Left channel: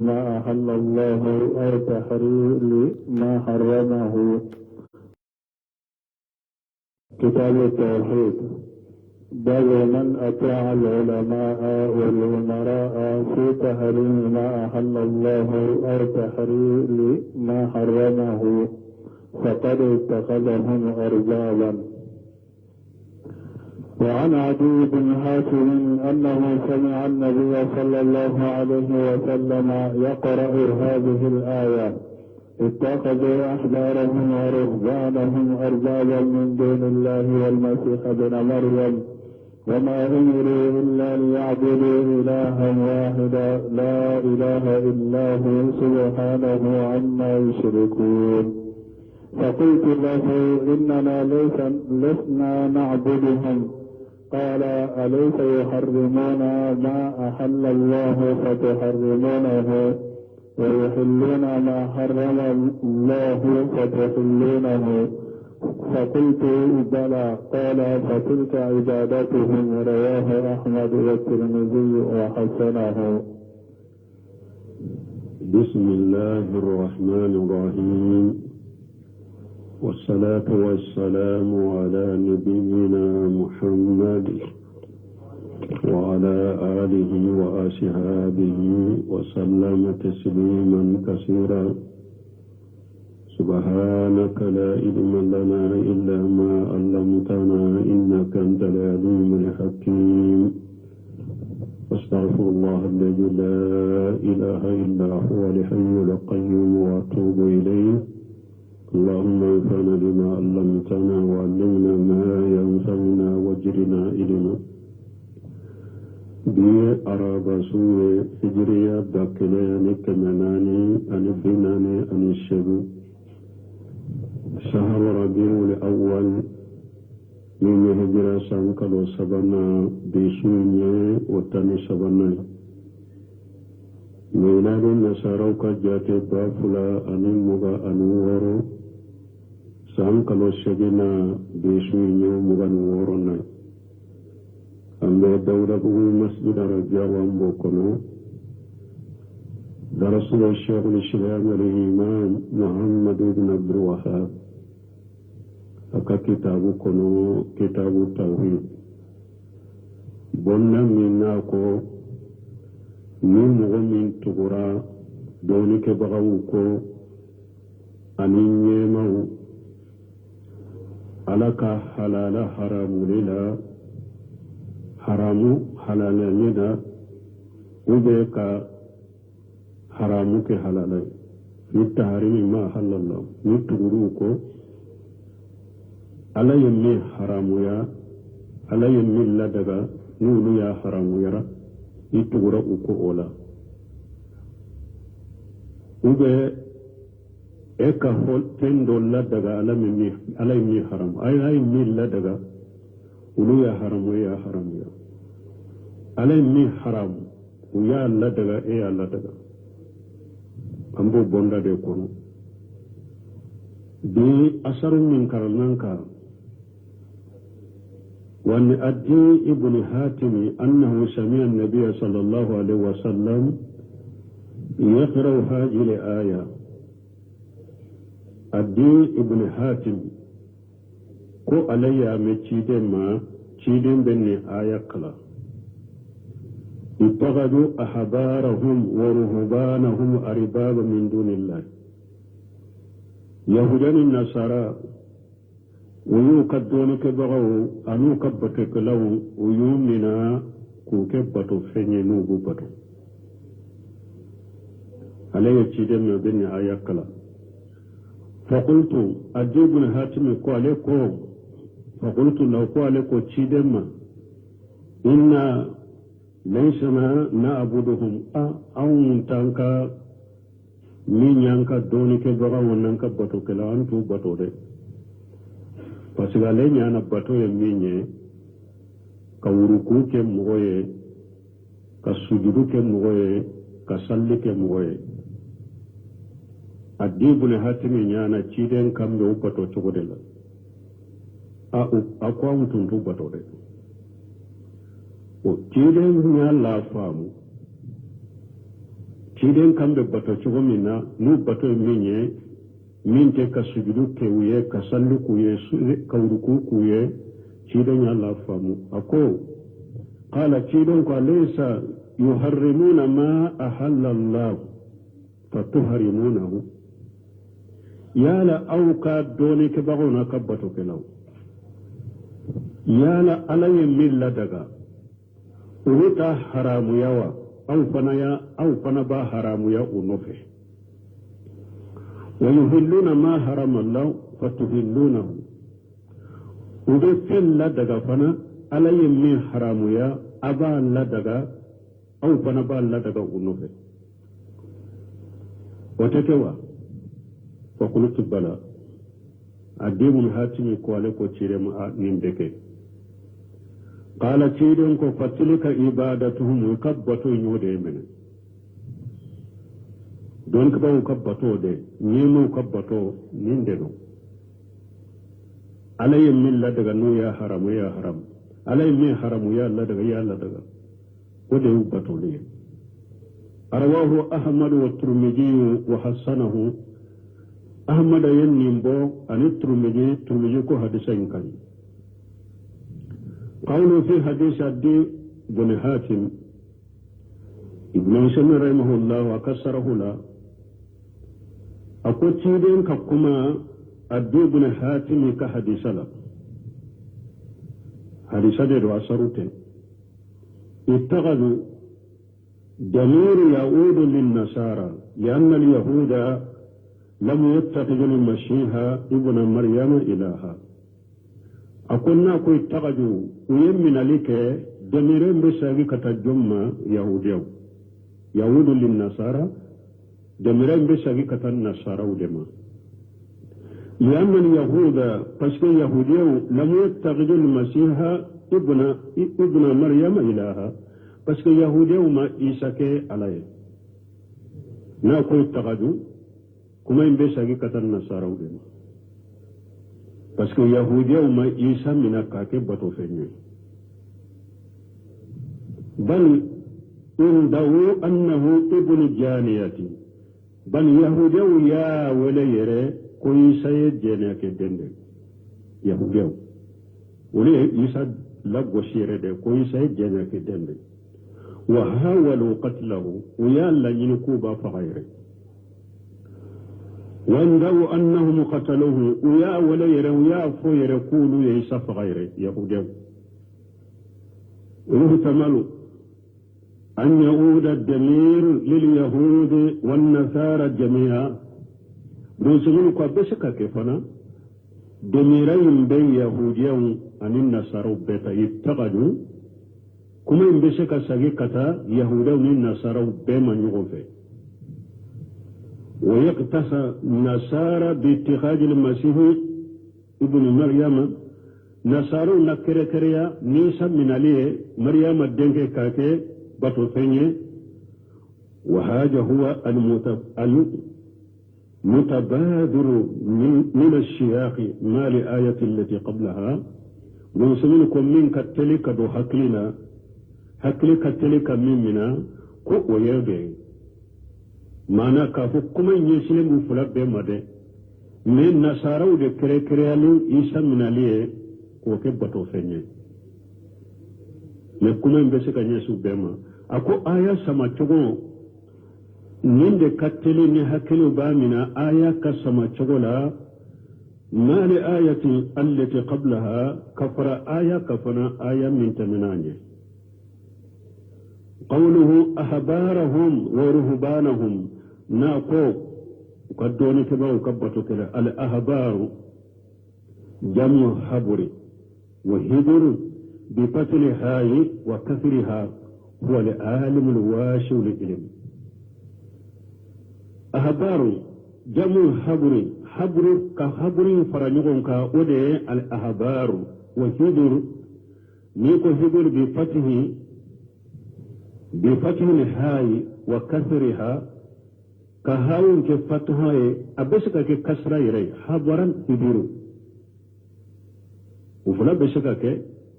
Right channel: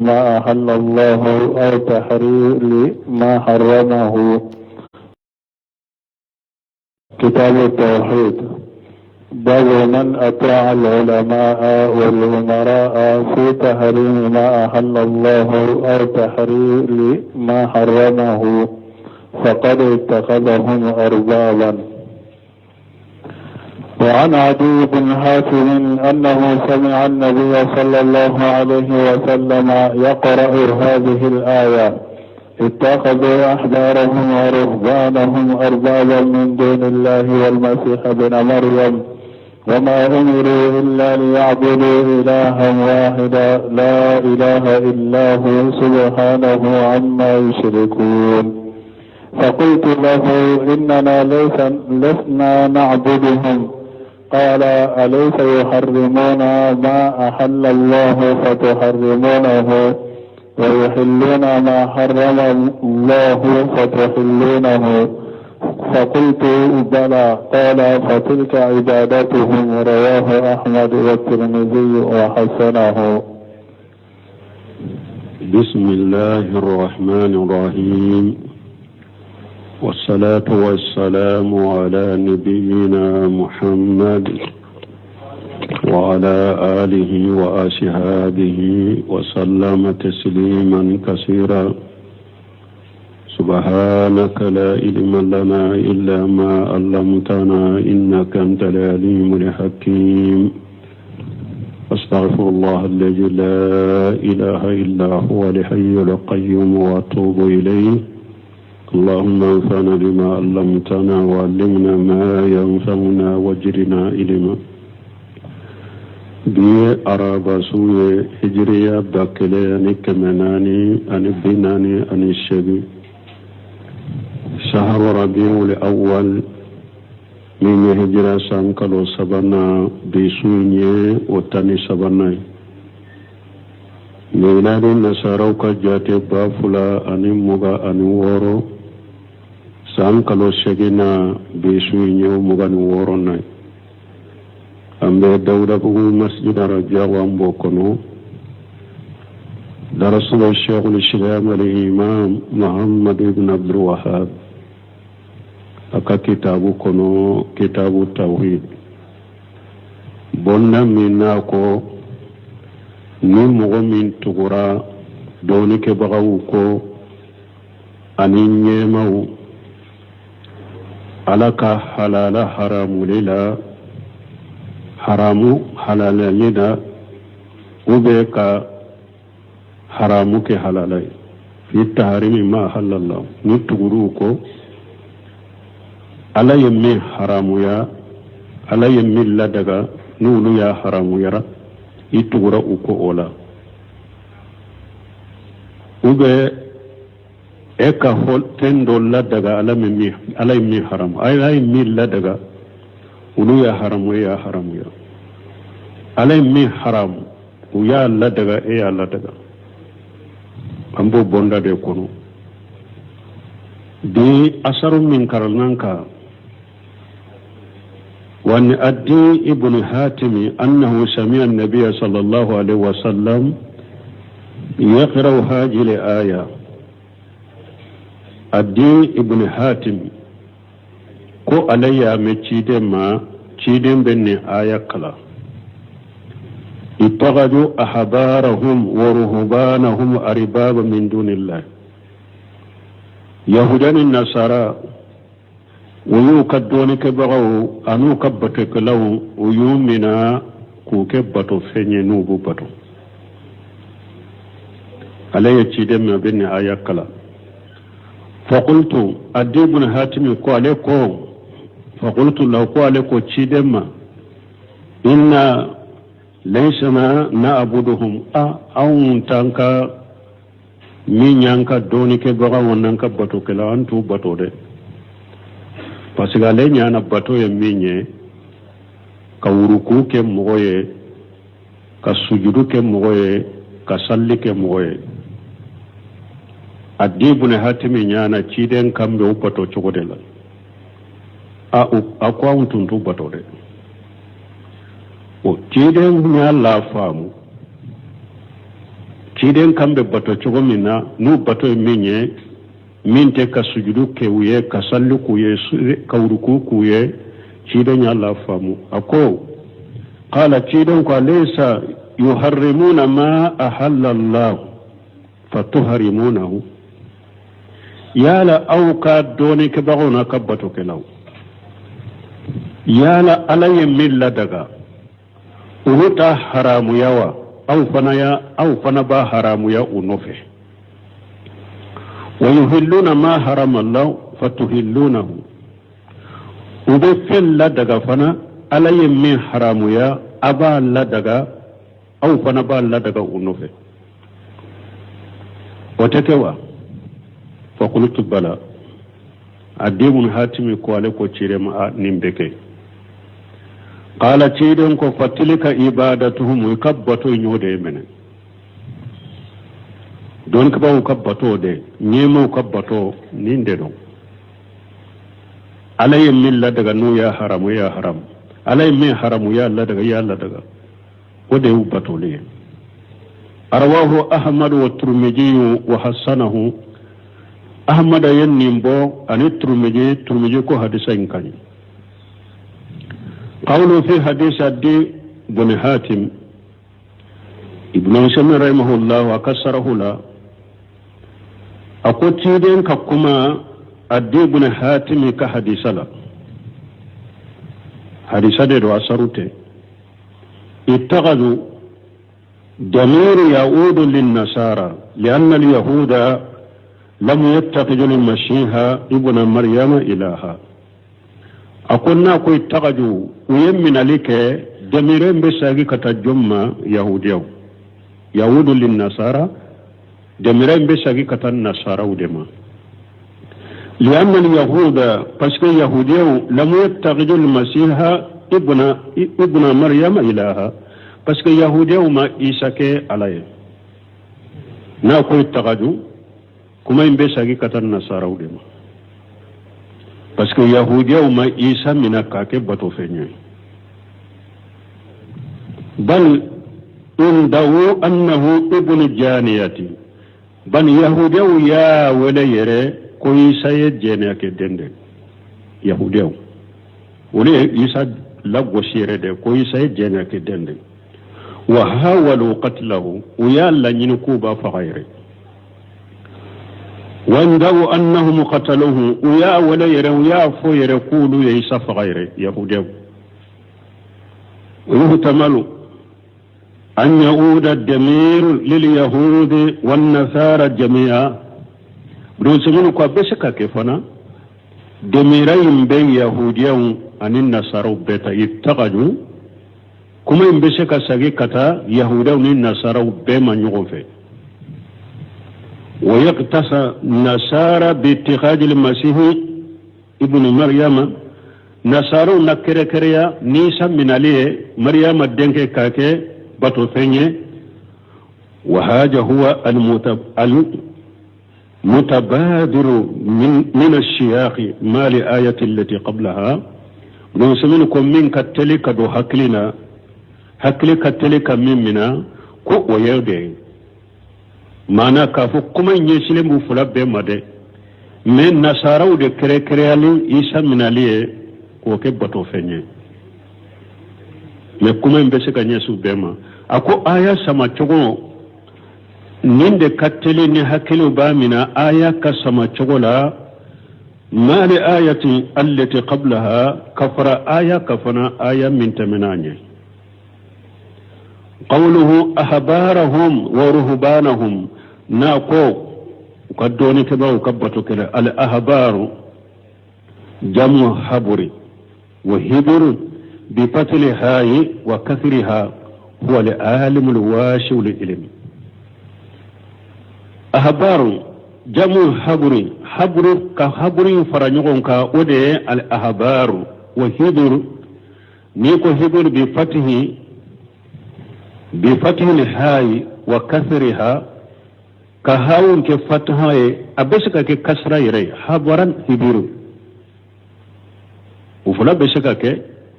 ما أحل الله أو تحرير ما حرمه. كتاب التوحيد. باب من أطاع العلماء والأمراء في تحريم ما أحل الله أو تحرير ما حرمه فقد اتخذهم أربابا. وعن عدي بن حاتم أنه سمع النبي صلى الله عليه وسلم يقرأ هذه الآية: اتخذوا أحبارهم ورهبانهم أربابا من دون الله والمسيح ابن مريم وما أمروا إلا ليعبدوا إلها واحدا لا إله إلا هو سبحانه عما يشركون. فقلت له: إننا لسنا نعبدهم. قال: أليس يحرمون ما أحل الله فتحرمونه ويحلون ما حرم الله فتحلونه؟ فقلت: بلى. قال: فتلك عبادتهم. رواه أحمد والترمذي وحسنه. بسم الله الرحمن الرحيم، والصلاة والسلام على نبينا محمد وعلى آله وأصحابه وسلم تسليما كثيرا. سبحانك لا علم لنا إلا ما علمتنا إنك أنت العليم الحكيم. أستغفر الله الذي لا إله إلا هو الحي القيوم وأتوب إليه. اللهم انفعنا بما علمتنا وعلمنا ما ينفعنا واجرنا علما. بي أرابا سوء هجريا باكلياني كمناني أني بناني أني الشبي شهر ربيع الأول من هجرة سانكالو سبنا بسوني وتاني سبناي. ميلاد النصارى كجاتي بافلا أني مغا أني وورو سانكالو شجنا بسوني ومغا نورو ناي. أمي دولة بغو مسجد رجاء وامبوكنو درسنا الشيخ الإسلام الإمام محمد بن عبد الوهاب أكا كتابو كنو كتاب التوحيد. بنا مناكو نمو من تغرى دونك بغوكو أني نيمو ألك حلال حرام للا haramu halalai da ube ka haramu ke halalai fi taharimi ma halallah ni tuguru ko alayin min haramu ya alayin min ladaga nulu ya haramu yara itugura uko ola ube eka hol tendo ladaga alayin min haramu alayin min ladaga ulu ya haramu ya haramu ya alai min haramu u ya Allah daga Allah daga ambo bonda de kono di asarun min karnanka wani addi ibn hatimi annahu sami'a an-nabiy sallallahu alaihi wasallam yaqra hadhihi al-aya. addi ibn hatim ko alayya me ciden benne aya kala ittaqadu ahbarahum wa ruhbanahum arbaba min dunillah. yahudani nasara wuyu kaddoni ke bagaw anu kabbate kalaw wuyu mina ku ke bato fenye nubu bato alayya ciden me benne aya kala. faqultu adibun hatimi ko aleko فقلت له قالك وتشيدما إنا ليس ما نعبدهم أو تانكا مين يانكا دوني كبغا ونانكا باتو كلا أنتو باتو دي فسيغالي نانا باتو يميني كوروكو كمغوي كسجدو كمغوي كسالي كمغوي. أديبنا هاتمي نانا تشيدن كامبو باتو چوكودلا a kwa tuntu batore o tiden nya la famu ciden kambe bato cogo min na nu bato min ye min te ka sujudu kewuye ka sallu kuye ka uruku kuye ciden ya Allah famu ako qala ciden ko laysa yuharrimuna ma ahalla Allah fatuharimunahu yala auka doni ke bagona ka bato ke law yala alaye milla daga uruta haramu yawa aw fana ba haramu ya unofe wa yuhilluna ma harama Allah fatuhillunahu ube fella daga fana alaye min haramu ya aba la daga aw fana ba la daga unofe watakewa fa qultu bala adimun hatimi ko ale ko cire ma nimbeke qala ciden ko fatilika ibadatuhum kabbato nyode menen don ka bawo kabbato de nyemo kabbato ninde do alay milla daga no ya haram alay min haramu ya Allah daga wode ubato le arwahu ahmad wa turmiji wa hasanahu ahmad yanimbo ani turmiji ko hadisa inkani قوله في حديث عدي بن حاتم ابن مسلم رحمه الله وكسره لا أقول تيدين ككما عدي بن حاتم كحديث لا حديث دي دو أسروته اتخذوا ضمير يعود للنصارى لأن اليهود لم يتخذوا المسيح ابن مريم إلها أقولنا كوي تغجو ويمن عليك دميرين بساقي كتجمع يهوديو يهود للنصارى دميرين بساقي كتنصارى ودما لأن اليهود بسكي يهوديو لم يتخذوا المسيح ابن مريم إلها بسكي يهوديو ما إيساكي عليه نا كوي تغجو كما ينبساقي كتنصارى ودما parce que yahudiya ma isa mina kake bato fenye bal indahu annahu ibnu janiyati ban yahudiya ya wala yere ko isa ye jene ke dende yahudiya wala isa la gosire de ko isa ye jene ke dende wa hawalu qatlahu ya la nyin ko ba fa ghaire وعنده أنهم قتلوه ويا ولا يروا يا فو يقولوا يسف غيره يهوديو ويحتمل أن يعود الضمير لليهود والنصارى جميعا بروسمون كو بسكا كيفنا ضميرين بين يهوديو أن النصارى بيتا يتقجوا كما ينبسكا ساقي كتا يهوديو والنصارى بما نيغوفي ويقتصى نصارى باتخاذ المسيح ابن مريم نصارى نكره كريا نيسا من عليه مريم الدنك كاكي بطو فيني وهذا هو المتبادر من الشياخ ما لآية التي قبلها نسمينكم من كتلك دو حكلنا حكلي كتلك منا كو ويردين mana kafu kuma nyesile mu fula be made men nasaraw de kere ali isa minaliye ko ke bato fenye me kuma mbese ka nyesu bema ako aya sama chogo ninde kateli ni hakilu ba mina aya ka sama chogo la ma li ayati allati qablaha kafara aya kafana aya min taminanye قوله أحبارهم ورهبانهم ناكو قدوني كبا وكبتو كده الأحبار جمع حبري وهبر بفتل هاي وكثرها هو العالم الواشي للعلم أحبار جمع حبري حبر كحبري فرنيون كا ودي الأحبار وهبر نيكو هبر بفتح الهاي وكثرها كهاون كفتحها أبسك كسرة يري حبرا هبيرو وفلا بسك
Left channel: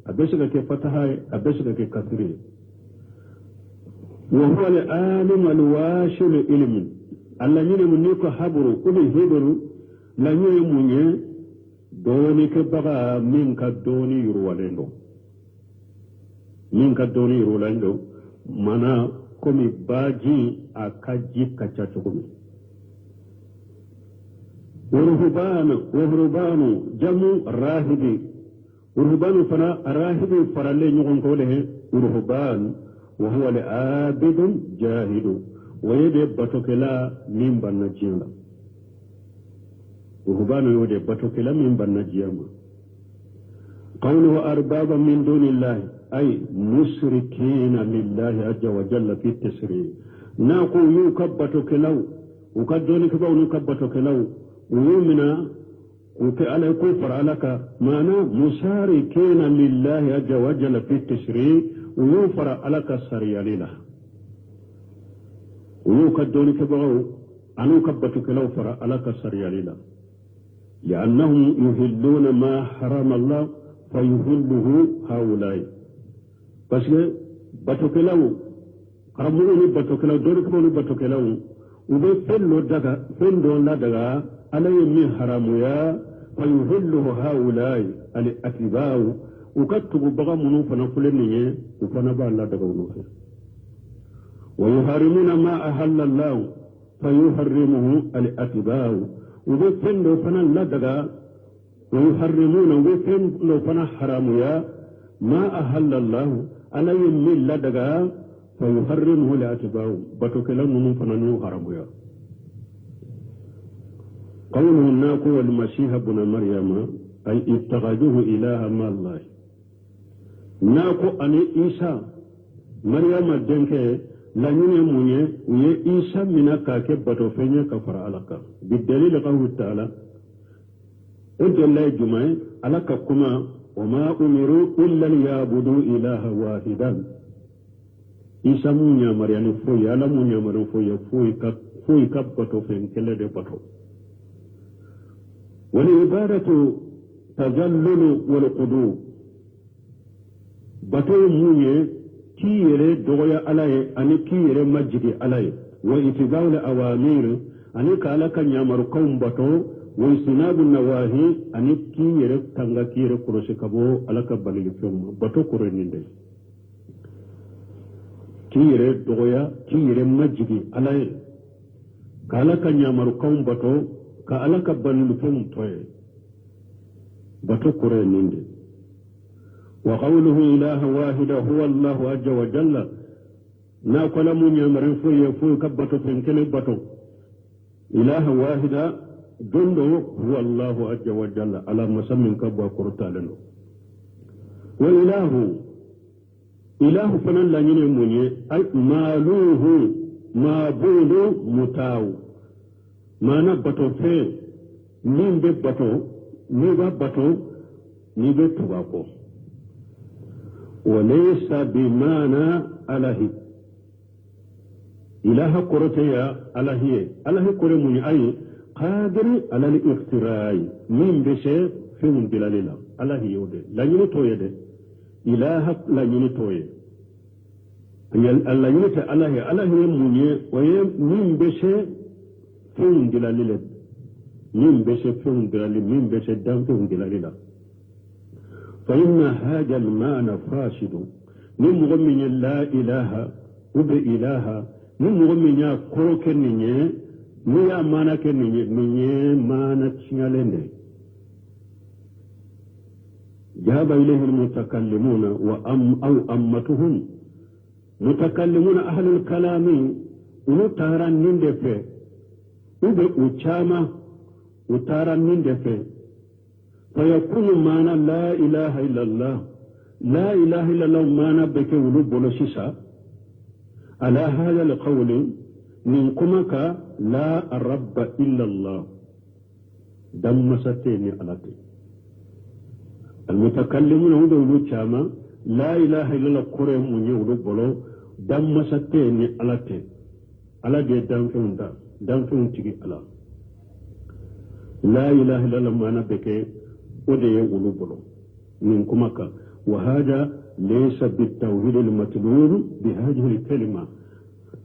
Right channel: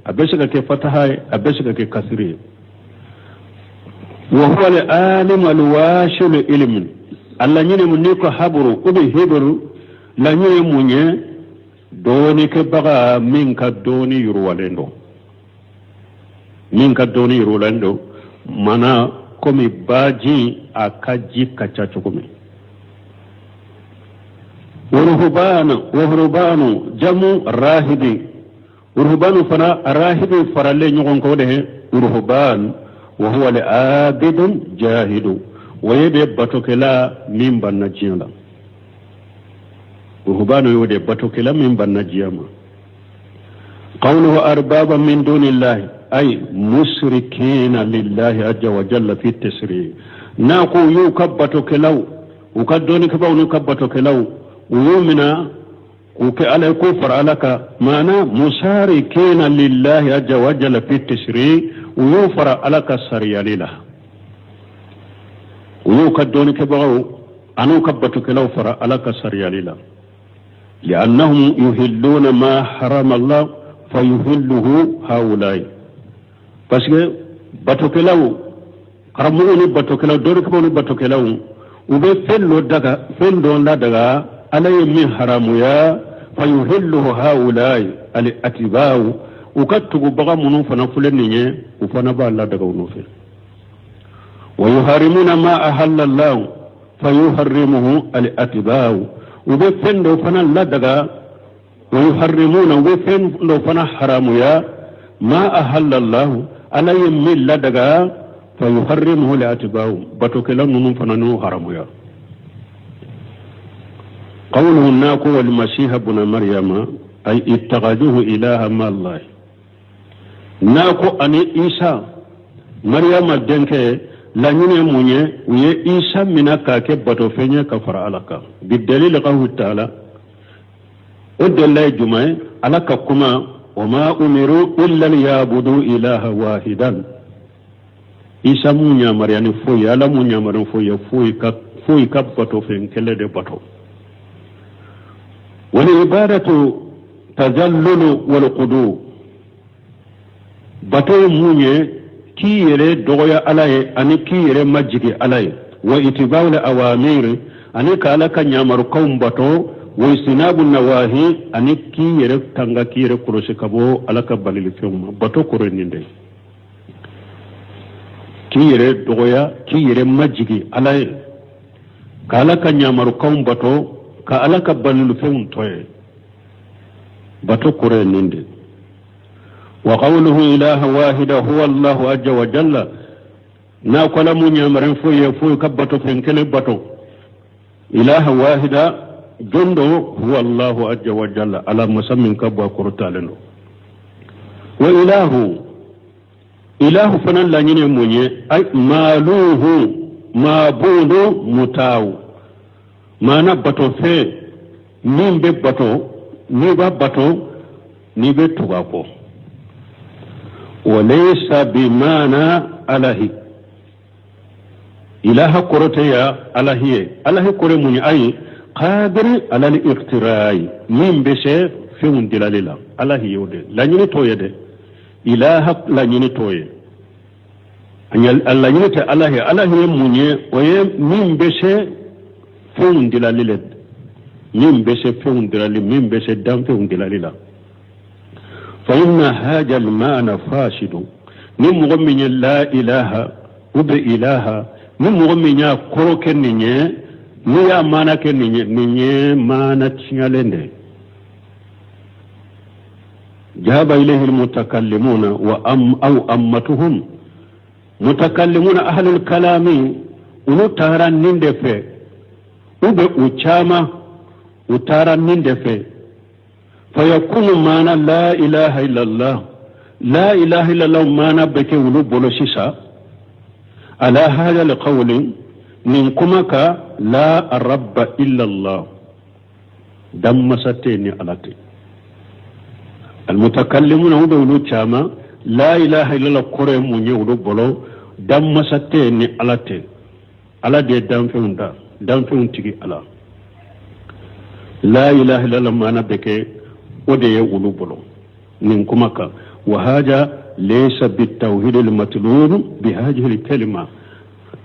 أبسك كفتحها أبسك كسرة وهو العالم الواشل علم الله ني منيكو حبرو كوبي هبرو لا ني مونيه دوني كبغا منك دوني يروالندو منك دوني يروالندو مانا كومي باجي اكاجي كاتشاچوكومي ورهبان جمع راهبي ورهبان فنا راهبي فرالي نيغون كوده ورهبان وهو العابد جاهد ويبي باتوكلا من بنجيلا ورهبان يودي باتوكلا من بنجيما قوله أربابا من دون الله أي مشركين لله عز وجل في التسريع ناقو يوكبتوكلاو وكدوني كباو نوكبتوكلاو ويومنا وكألا كفر عليك معنى مشاركين لله عز وجل في التشريع ويوفر عليك السريع لله ويوكدون كبغو أنو كبتك لو فر عليك السريع لله لأنهم يهلون ما حرم الله فيهله هؤلاء بس بتك لو قرموني بتك لو دورك بوني بتك لو وبفلو دغا فلو لا دغا عليه من حرام يا فيهله هؤلاء الاتباع وكتب بغا منو فنفلني وفنبا الله دغا نوفل ويحرمون ما احل الله فيحرمه الاتباع وبفن لو فنا لا دغا ويحرمون وبفن لو فنا حرام يا ما احل الله عليه من لا دغا فيحرمه الاتباع بتوكلا منو فنانو حرام يا قوله الناكو والمسيح ابن مريم أي اتخذوه إلها مع الله ناكو أني إيسا مريم الدنك لا ينموني ويه إيسا منك كبتو فيني كفر عليك بالدليل قوله تعالى ودى الله جمعي عليك كما وما أمروا إلا ليعبدوا إلها واحدا إيسا مونيا مريم فوي على مونيا مريم فوي كبتو فين كلا دي بتو والعبادة تذلل والقدو بطو مونيه كي يري دوغيا علي أني كي يري مجيكي علي واتباع الأوامر أني كالاك نيامر قوم بطو واجتناب النواهي أني كي يري تنغا كي يري كروسي كبو ألاك بالي فيهم بطو كورنين دي كي يري دوغيا كي يري مجيكي علي كالاك نيامر قوم بطو ka ala ka ballu fewun toye bato kure ninde wa qawluhu ilaha wahida huwa allah azza wa jalla na kala mu nyamaren foye ka bato fen kele bato ilaha wahida jondo huwa allah azza wa jalla ala musammin ka ba kurtaleno wa ilahu fanan la nyine munye ay maluhu mabudu mutaw mana bato fe min be bato ni ba bato ni be tuba ko walaysa bimana alahi ilaha koroteya alahi kore muni ay qadir ala al-iqtirai min be se fiun dilalila alahi yode la nyini toye de ilaha la nyini toye anyal alla nyini te alahi munye oye min be se فون دلالي من بس فون دلالي من بس دام فون دلالي لا فإن هذا المعنى فاسد من مغمين لا إله وبإله من مغمين كروك النية نيا مانا كنية نية مانا تشيالين جاب إليه المتكلمون أو أمتهم متكلمون أهل الكلام ونطهرا نندفع ube uchama utaran nindefe fayakunu mana la ilaha illallah mana beke wulu bolo sisa ala hada alqawli min kumaka la rabba illallah damma sateni alati almutakallimuna ube wulu chama la ilaha illallah kore munye wulu bolo damma sateni alati ala de damfeunda danfin tigi ala la ilaha illallah mana beke ode ya ulu bolo nin kuma ka wa haja laysa bitawhid almatlub bi hadhihi alkalima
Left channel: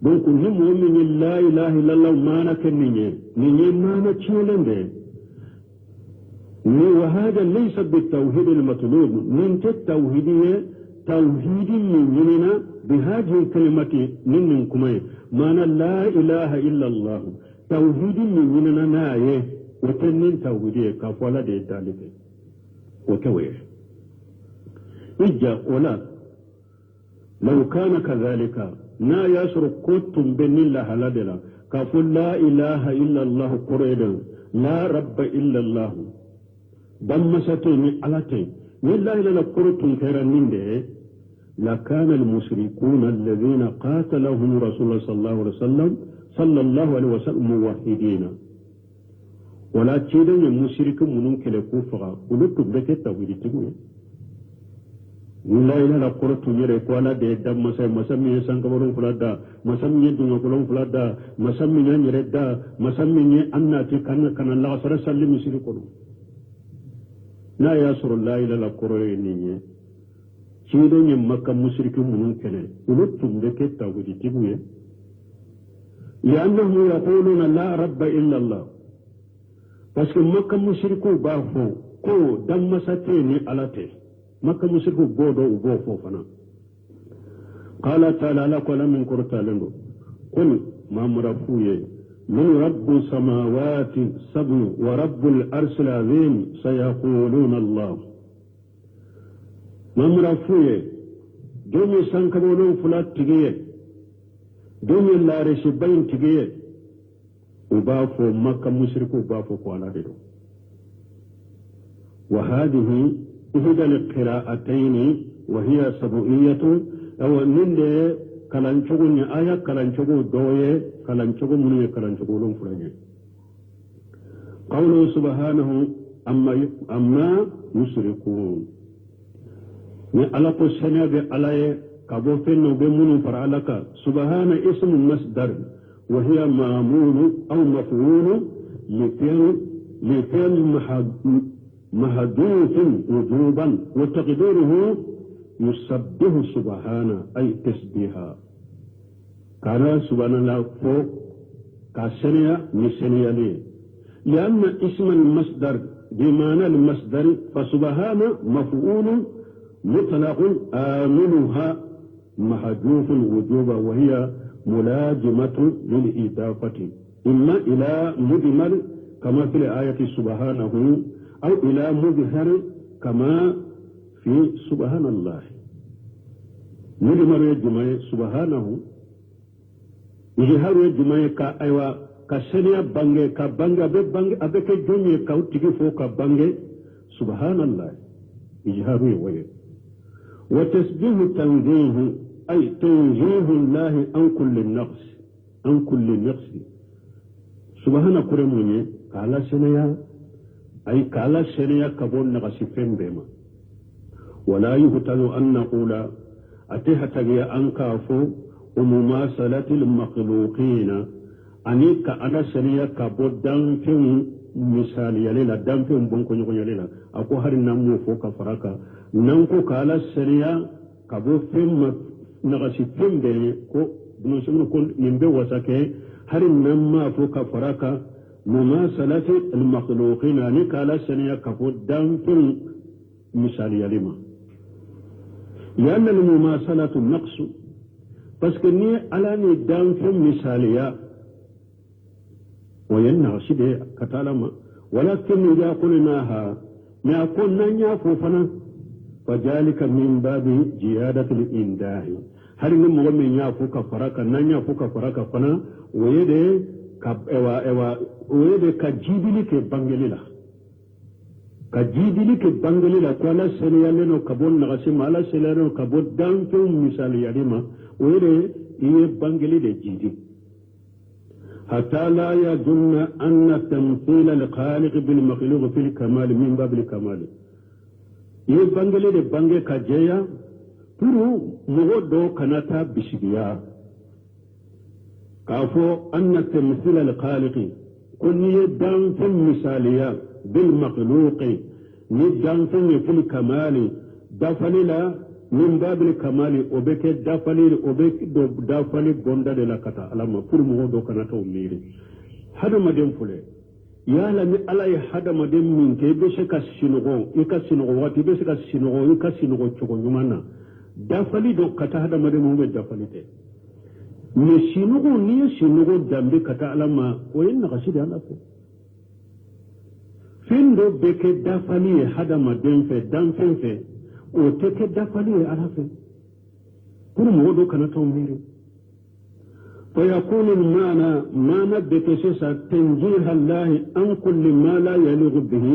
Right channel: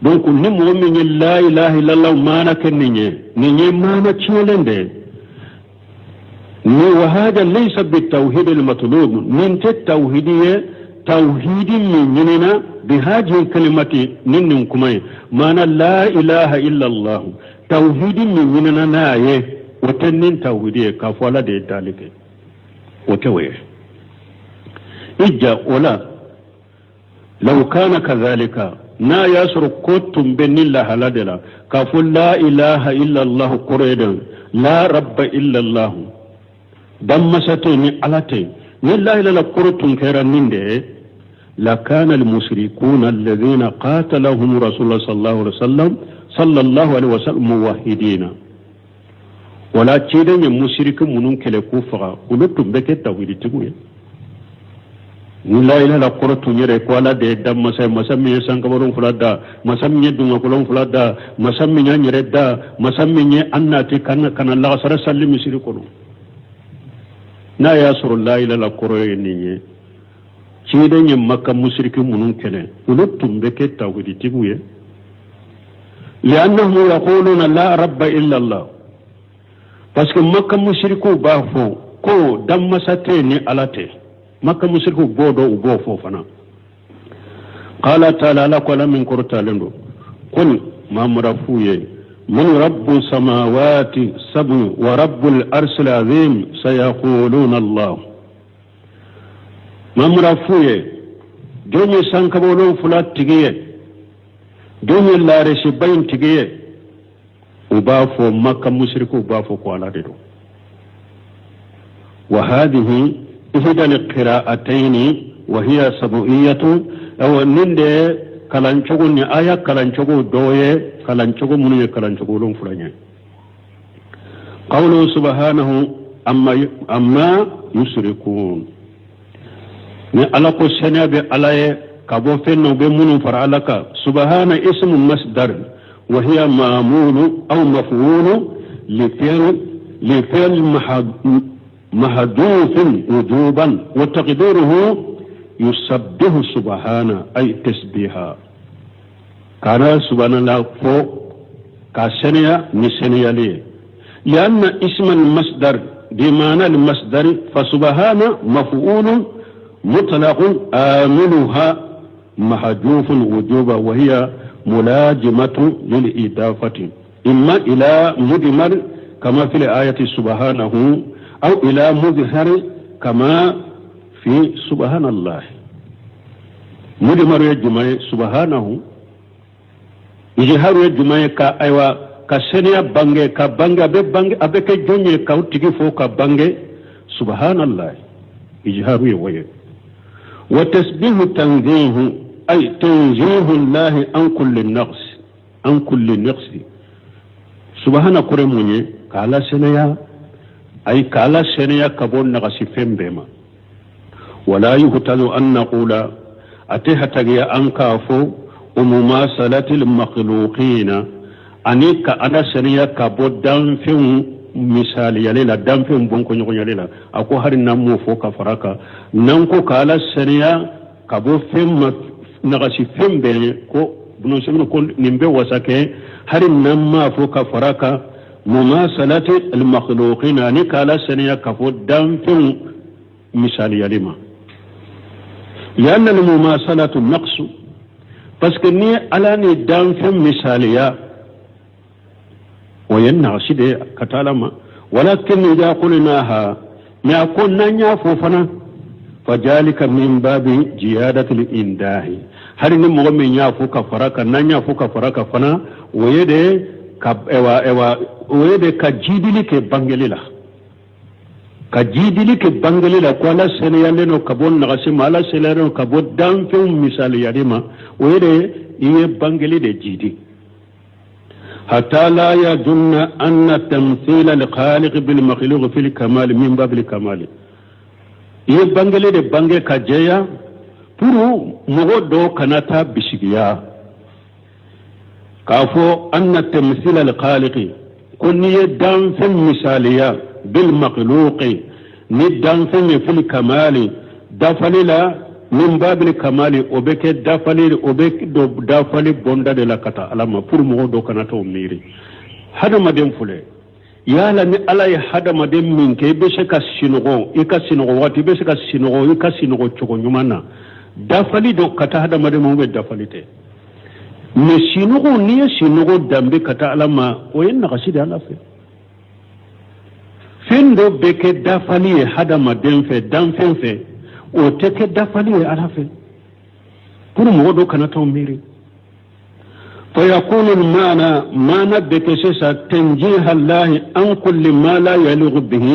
donc ni mo min la ilaha illallah mana kenninye ni mana chelende ni wa hada laysa bitawhid almatlub min tawhidiyya tawhidi minna bihadhihi alkalimati nin kumay mana la ilaha illallah tawhidi minna naye watannin tawhidiyya kafala de talike وتوي إجا ولا لو كان كذلك نا يسر كتم بن الله لدلا كفل لا إله إلا الله قريدا لا رب إلا الله دمستني علتي لا إله إلا قرتم كيرا من ده لكان المشركون الذين قاتلهم رسول الله صلى الله عليه وسلم موحدين ولا تشيدن المشرك منون كله كفرا ولتم بك توحيد تقول لا إله إلا قرة نيره قالا ده دم مسامي سانكبرون فلادا مسامي دعوا كلون فلادا مسامي نيره دا مسامي أننا كان الله سر سلم يشركون نا ياسر لا إله إلا قرة نيره تشيدن مكة مشرك منون كله ولتم بك توحيد تقول لأنهم يقولون لا رب إلا الله parce que makka mushriku ba fo ko damma sate ni alate makka mushriku bodo ubo fo fana qala ta'ala la qala min qurtalendo qul ma murafuye من رب السماوات السبع ورب الأرش العظيم سيقولون الله ما مرفوه دوني سانكبولون فلات تجيه دوني لارش بين تجيه وبافو مكة مشرك وبافو قوالا وهذه إحدى القراءتين وهي سبعية أو نند كلانشوغو ني آية كلانشوغو دوية كلانشوغو مني كلانشوغو لون فلانيا قوله سبحانه أما يشركون ني ألاكو سنة بألاي كابو فنو بمنو فرعلك سبحان اسم مصدر وهي معمول أو مفعول لفعل محذوف وجوبا وتقديره يسبح سبحانه أي تسبيحا كان سبحان الله فوق كسنيا نسنيا لي لأن اسم المصدر بمعنى المصدر فسبحان مفعول مطلق آمنها محذوف وجوبا وهي ملاجمة للإضافة إما إلى مدمر كما في الآية سبحانه أو إلى مظهر كما في سبحان الله مدمر يجمع سبحانه إجهار يجمع كأيوة كسنيا بانجي كبانجي أبك جوني كاوتيكي فوق بانجي سبحان الله إجهار يوي وتسبيح تنزيه أي تنزيه الله عن كل النقص عن كل النقص سبحانه كرموني كالا سنيا أي كالا سنيا كبون نغسي فين بما ولا يهتل أن نقول أتهتغي أنكافو ومماثلة المخلوقين أنيك أنا سنيا كبو دام فين misali yalela damfin bonko nyoko yalela ako hari namu foka faraka nanko kala sariya kabo fem nagasi fembe ko buno semno ko nimbe wasake hari namma foka faraka mumasalati al makhluqin ani kala sariya kabo damfin misali yalima لأن المماثلة النقص parce que ni alani damfin misaliya وينعشد كتالما ولكن إذا قلناها ما كنا نعفوفنا فذلك من باب جيادة الإنداه هل نمغم يعفو كفرك نعفو كفرك فنا ويدي ويدي كجيدلي كبانجللا كجيدلي كبانجللا كوالا سنيالينو كبون نغسيم على سنيالينو كبون دانفيو مثالي يريما ويدي يبانجلي دي جيدي حتى لا يظن أن تمثيل الخالق بالمخلوق في الكمال من باب الكمال يبانغلي دي بانغي كجيا پورو مغدو كناتا بشيغيا كافو أن تمثيل الخالق كن يدان في المثالية بالمخلوق ندان في الكمال دفللا min babil kamali o be ke dafali o be do dafali bonda de la kata alama pour mo do kana to miri hada madem fule yala ni ala ya hada madem min ke be se ka sinogo e ka sinogo wati be se ka sinogo e ka sinogo chogo nyumana dafali do kata hada madem mo be dafali te me sinogo ni sinogo dambe kata alama o yen na kasida ala fe fendo be ke dafali hada madem fe dan fe o teke dafali ala fe pour mo do kana to miri فيكون المعنى بكسس تنجيه الله عن كل ما لا يليق به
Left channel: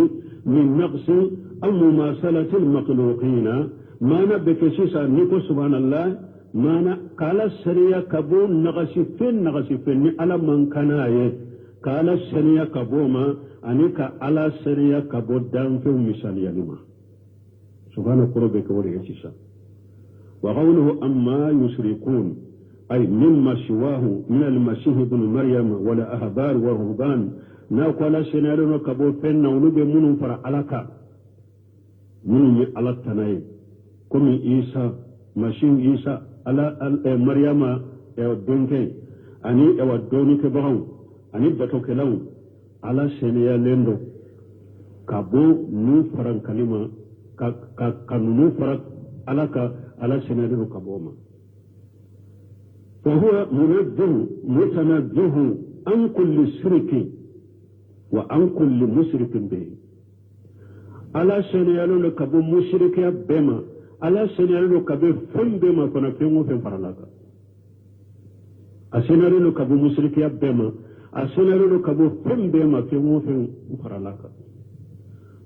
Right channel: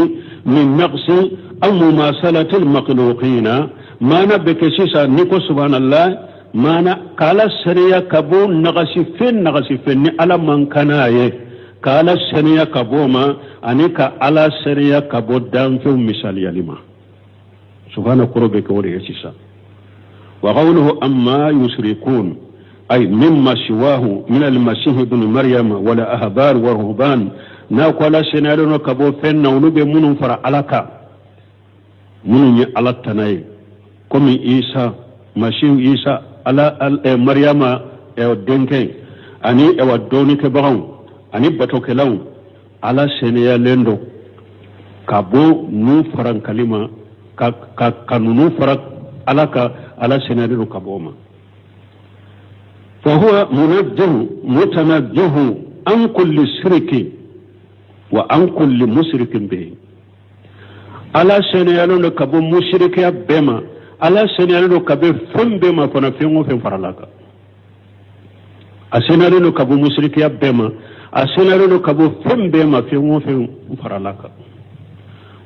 من نقص أو مماثلة المخلوقين معنى بكسس نكو سبحان الله معنى قال السرية كبو نغسي فين على من كنايه قال السرية كبو ما أنك على السرية كبو دام في مثال يلما سبحانه قربك وليسسا وقوله أما يشركون أي مما سواه من المسيح ابن مريم ولا أهبار ورهبان ناقول سنالنا كبو فن ونبي منهم فرع علىك منهم على التناي كم إيسا مسيح إيسا على مريم أو دينكي أني أو دوني كبرون أني بتوك لون على سنالنا كبو نفرن كلمة كنو فرق علىك على سنالنا كبوما فهو منجه متنجه عن كل شرك وعن كل مشرك به على سنيالون كبو مشرك بما على سنيالون كبو فم بما فنفيهم في فرلاك أسنيالون كبو مشرك بما أسنيالون كبو فم بما فيهم في فرلاك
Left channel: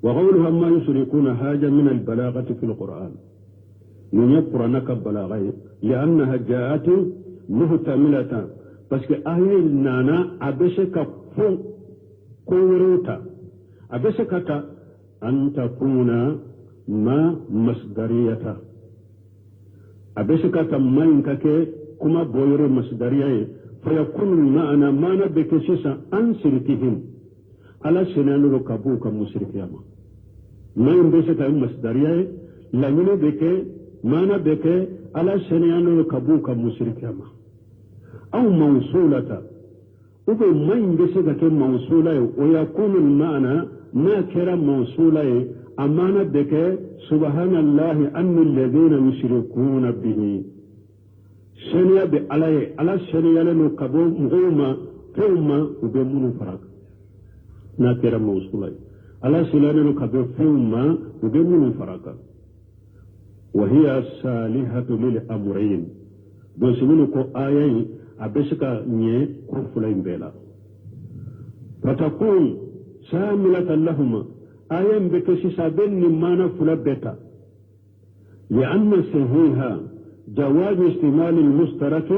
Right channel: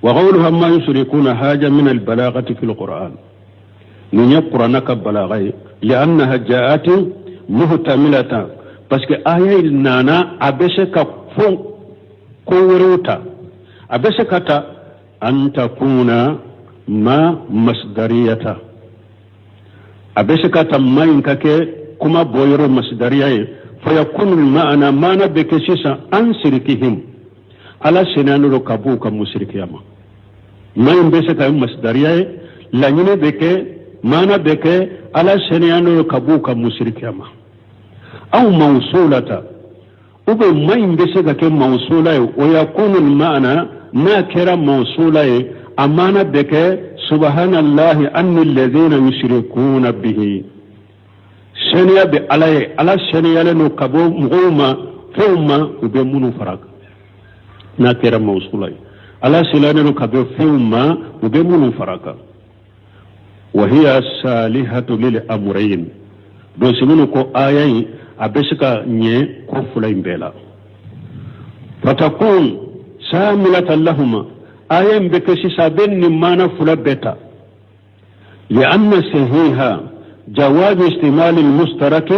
وقولها ما يشركون حاجة من البلاغة في القرآن من يقرأ بلاغة لأنها جاءت muhtamilata parce que aya nana abese ka fon kowrota abese kata anta kuna ma masdariyata abese kata mayin kake kuma boyoro masdariyaye fayakunu ma'ana mana bekesisa an sirkihim ala sinanu kabuka musrikiyama mayin bese ka masdariyaye lanyine beke mana beke ala sinanu kabuka musrikiyama أو موصولة أبو ما ينبسك كم موصولة ويكون المعنى ناكرا موصولة أمانة بك سبحان الله أن الذين يشركون به سنيا بألاي على سنيا لنو كبو مغوما فيوما وبيمونو فرق ناكرا موصولة على سنيا لنو كبو فيوما وبيمونو فرق وهي صالحة للأمرين دوسمونو كو آيين abesika nye ko fulain bela fatakun samilatan lahuma ayen beke sisa benni mana fula beta لأن سهيها جواز استعمال المشترك